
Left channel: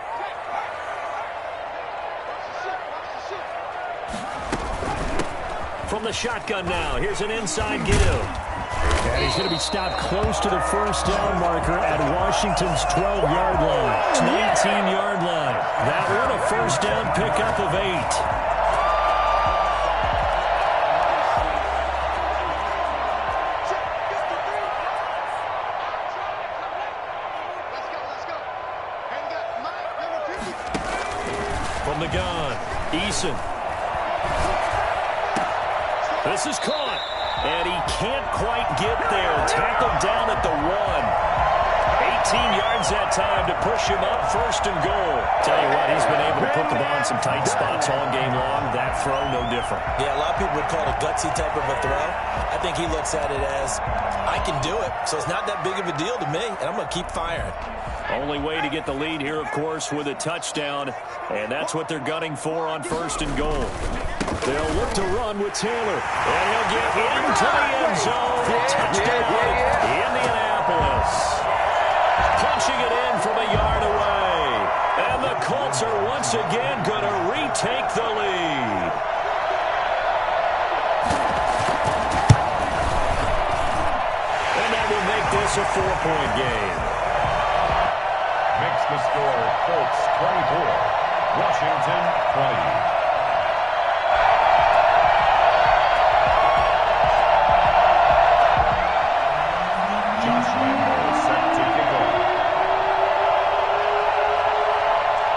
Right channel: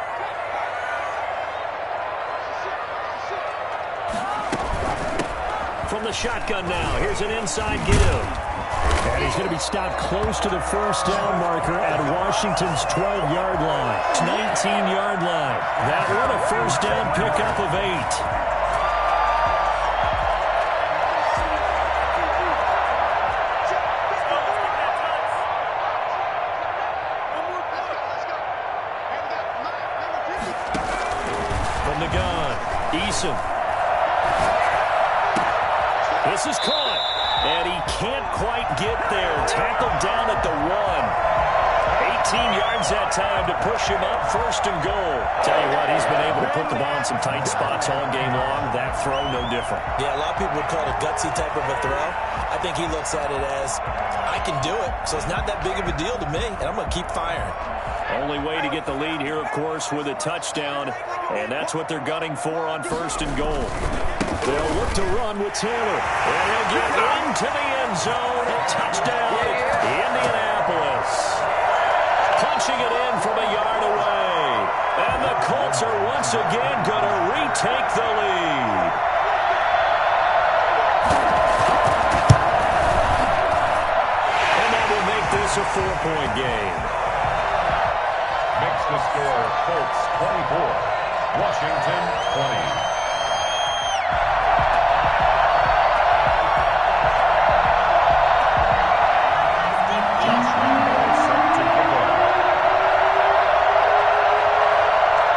From the shotgun now, here's an inside give. And he's going to be stopped close to the 1st down marker at Washington's 12-yard line. 19-yard line. That one a 1st down pickup of 8. From the gun, Eason. This is caught. And he can't quite get there. Tackled down at the 1. 18 yards that time to push him up 1st and goal. Tell you what, he's been able to put the ball in some tight spots all game long. That throw, no different. Yeah, a lot of people would call it a gutsy type of a throw. I think he looks at it as, I can do it, so it's not that big of a deal to me, and I'm going to keep firing. Only way to get the lead here, of course, with a touchdown, and that's what they're gunning for on 1st and goal. They'll look to run with Taylor. And he'll get into the end zone. Touchdown, Indianapolis. Punching it in from a yard away. And the Colts are once again going to retake the lead. And that will make this a 4-point game. Makes the score Colts 24, Washington 20.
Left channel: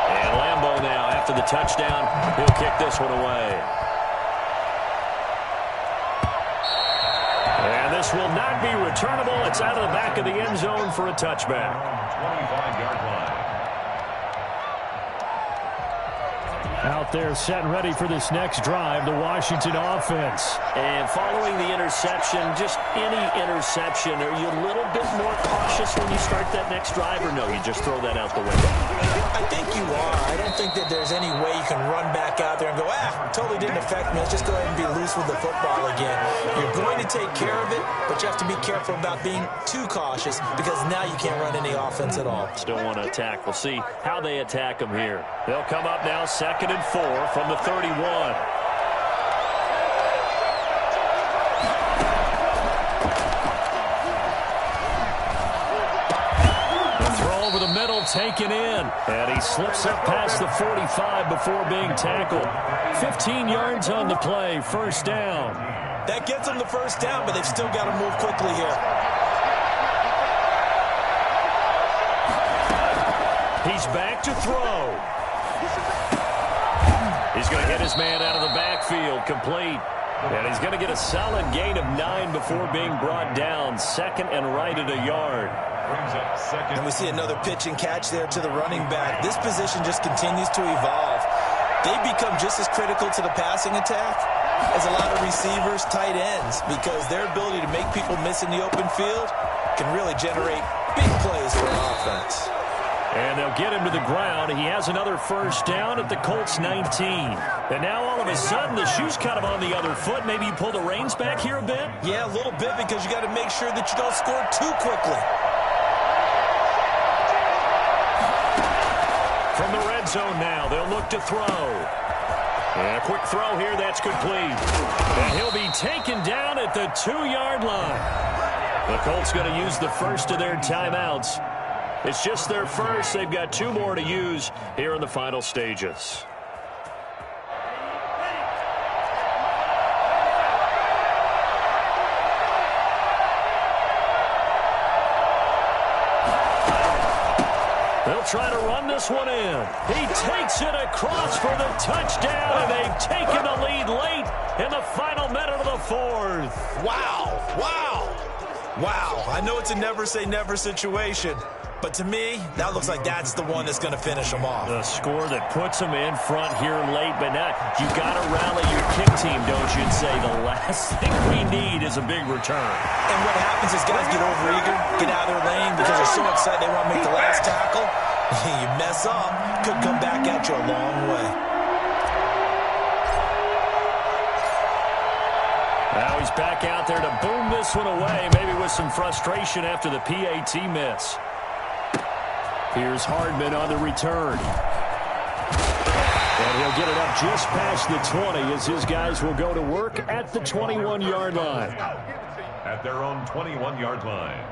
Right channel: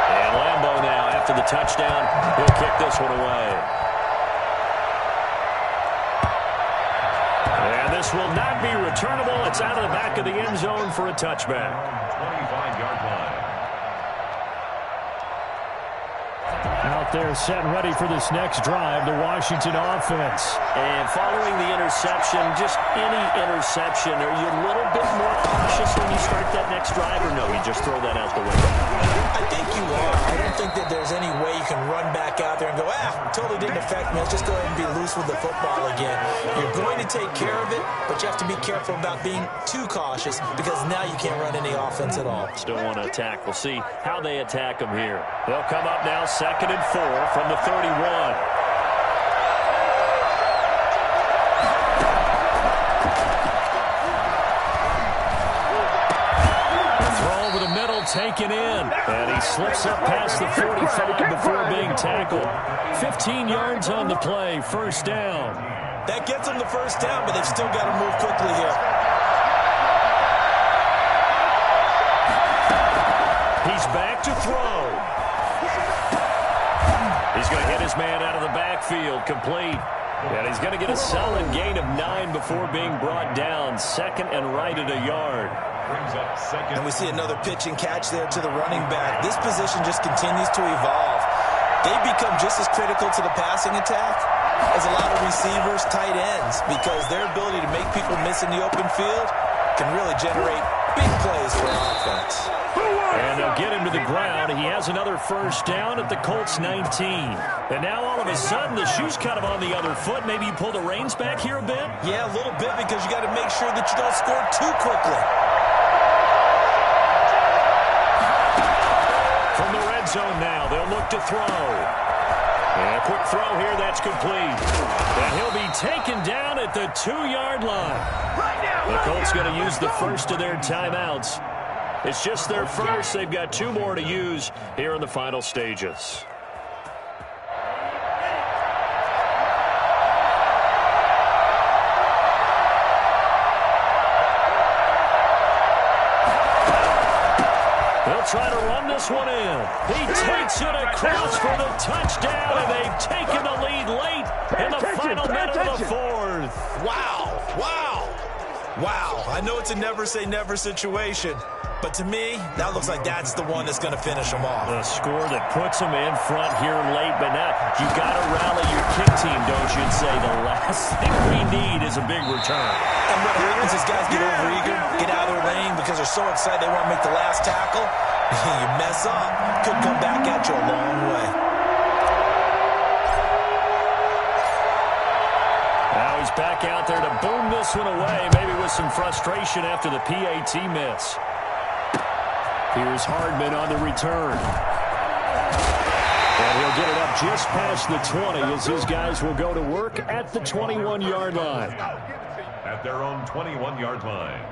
And Lambeau now, after the touchdown, he'll kick this one away. And this will not be returnable. It's out of the back of the end zone for a touchback. 25-yard line. Out there set and ready for this next drive, the Washington offense. And following the interception, just any interception, are you a little bit more cautious when you start that next drive, or no, you just throw that out the window? I think you are. I don't think that there's any way you can run back out there and go, totally didn't affect me. Let's just go ahead and be loose with the football again. You're going to take care of it, but you have to be careful about being too cautious because now you can't run any offense at all. Still want to attack. We'll see how they attack them here. They'll come up now 2nd and 4 from the 31. Over the middle, taken in. And he slips up past the 45 before being tackled. 15 yards on the play, 1st down. That gets them the 1st down, but they've still got to move quickly here. He's back to throw. He's going to hit his man out of the backfield, complete. And he's going to get a solid gain of 9 before being brought down. 2nd and right at a yard. Brings up 2nd. And we see another pitch and catch there to the running back. This position just continues to evolve. they become just as critical to the passing attack as a lot of receivers, tight ends, because their ability to make people miss in the open field can really generate big plays for an offense. And they'll get him to the ground. He has another first down at the Colts 19. And now all of a sudden the shoe's kind of on the other foot. Maybe you pull the reins back here a bit? Yeah, a little bit, because you got to make sure that you don't score too quickly. From the red zone now, they'll look to throw. And a quick throw here, that's complete. And he'll be taken down at the 2-yard line. The Colts going to use the first of their timeouts. It's just their first. They've got 2 more to use here in the final stages. They'll try to run this one in. He takes it across for the touchdown, and they've taken the lead late in the final minute of the 4th. Wow, wow, wow. I know it's a never-say-never situation, but to me, that looks like that's the one that's going to finish them off. The score that puts them in front here late, but now you got to rally your kick team, don't you, and say the last thing we need is a big return. And what happens is guys get overeager, get out of their lane because they're so excited they want to make the last tackle. You mess up, could come back at you a long way. Now he's back out there to boom this one away, maybe with some frustration after the PAT miss. Here's Hardman on the return. And he'll get it up just past the 20 as his guys will go to work at the 21-yard line. At their own 21-yard line.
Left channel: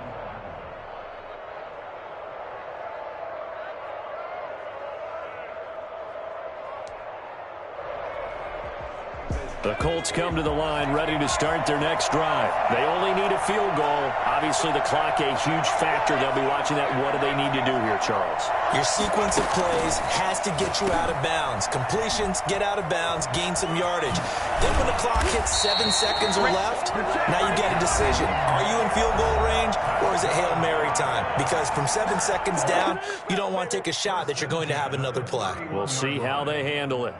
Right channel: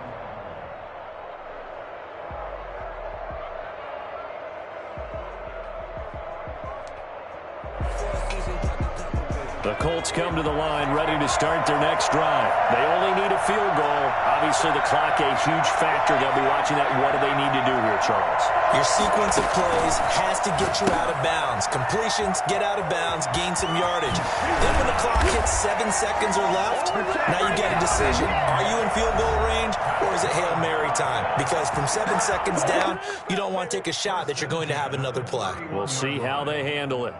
The Colts come to the line ready to start their next drive. They only need a field goal. Obviously, the clock a huge factor. They'll be watching that. What do they need to do here, Charles? Your sequence of plays has to get you out of bounds. Completions, get out of bounds, gain some yardage. Then when the clock hits 7 seconds or left, now you get a decision. Are you in field goal range, or is it Hail Mary time? Because from 7 seconds down, you don't want to take a shot that you're going to have another play. We'll see how they handle it.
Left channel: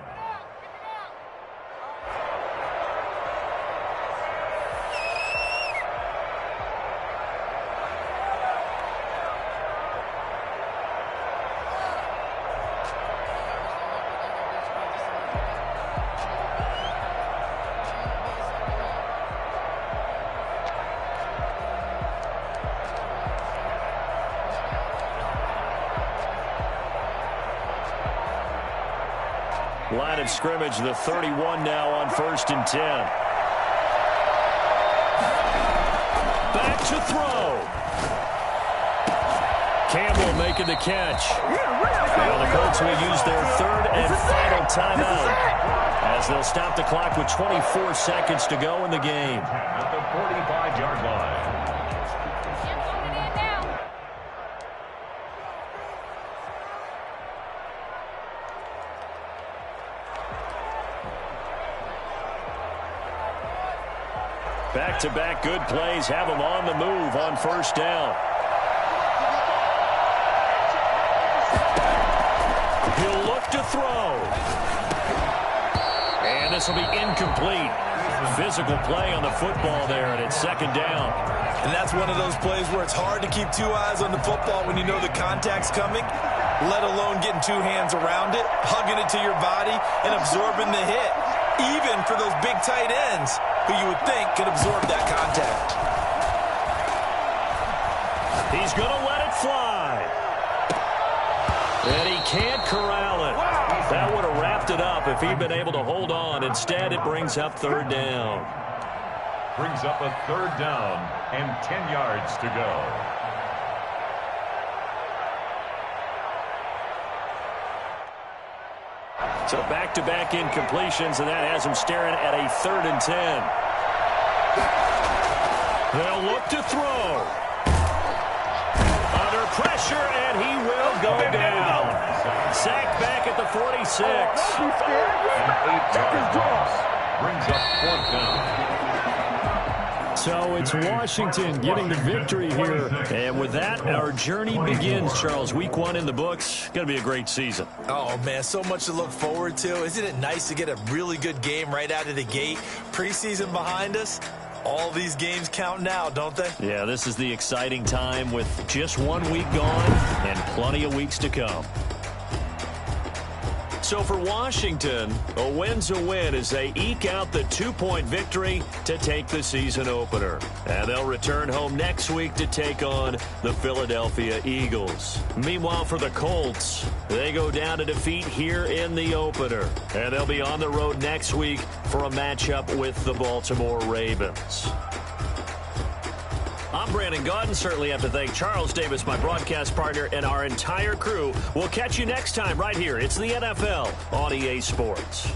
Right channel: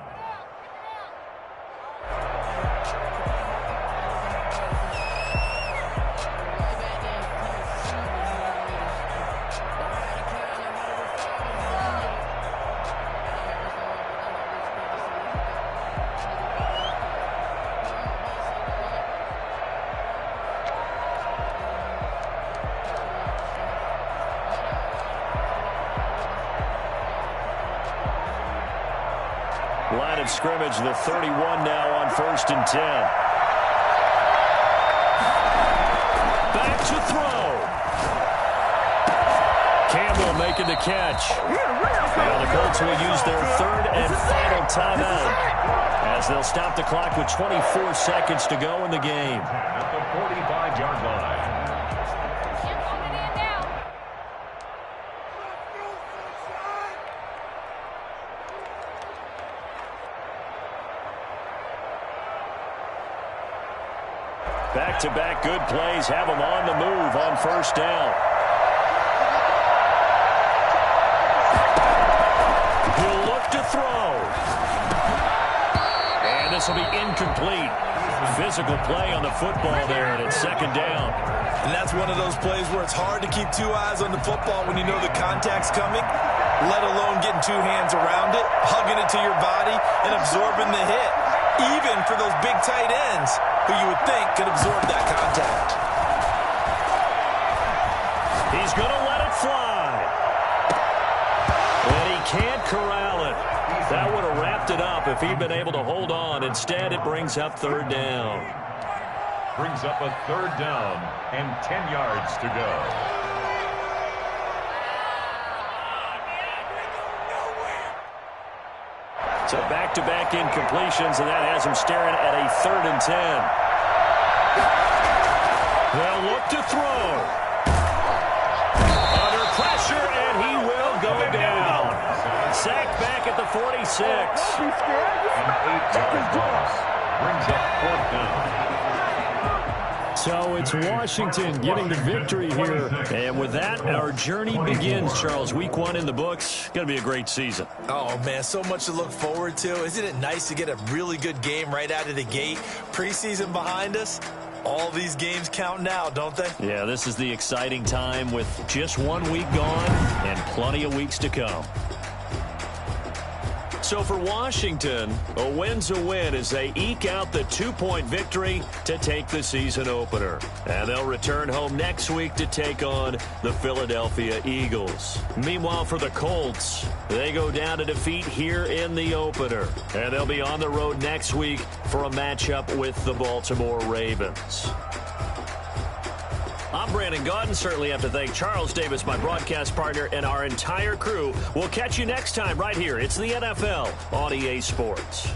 Line of scrimmage, the 31 now on 1st and 10. Back to throw. Campbell making the catch. Now the Colts will use their 3rd and final timeout as they'll stop the clock with 24 seconds to go in the game. At the 45-yard line. Back-to-back good plays have them on the move on 1st down. He'll look to throw. And this will be incomplete. Physical play on the football there, and it's 2nd down. And that's one of those plays where it's hard to keep 2 eyes on the football when you know the contact's coming, let alone getting 2 hands around it, hugging it to your body, and absorbing the hit. Even for those big tight ends who you would think could absorb that contact. He's going to let it fly. And he can't corral it. That would have wrapped it up if he'd been able to hold on. Instead, it brings up 3rd down. Brings up a 3rd down and 10 yards to go. So back-to-back incompletions, and that has him staring at a 3rd and 10. They'll look to throw. Under pressure, and he will go down. Sacked back at the 46. An 8-yard loss. Brings up 4th down. So it's Washington getting the victory here. And with that, our journey begins, Charles. Week 1 in the books. Going to be a great season. Oh, man, so much to look forward to. Isn't it nice to get a really good game right out of the gate? Preseason behind us. All these games count now, don't they? Yeah, this is the exciting time with just 1 week gone and plenty of weeks to come. So for Washington, a win's a win as they eke out the 2-point victory to take the season opener. And they'll return home next week to take on the Philadelphia Eagles. Meanwhile, for the Colts, they go down to defeat here in the opener. And they'll be on the road next week for a matchup with the Baltimore Ravens. I'm Brandon Gaudin. Certainly have to thank Charles Davis, my broadcast partner, and our entire crew. We'll catch you next time right here. It's the NFL on EA Sports.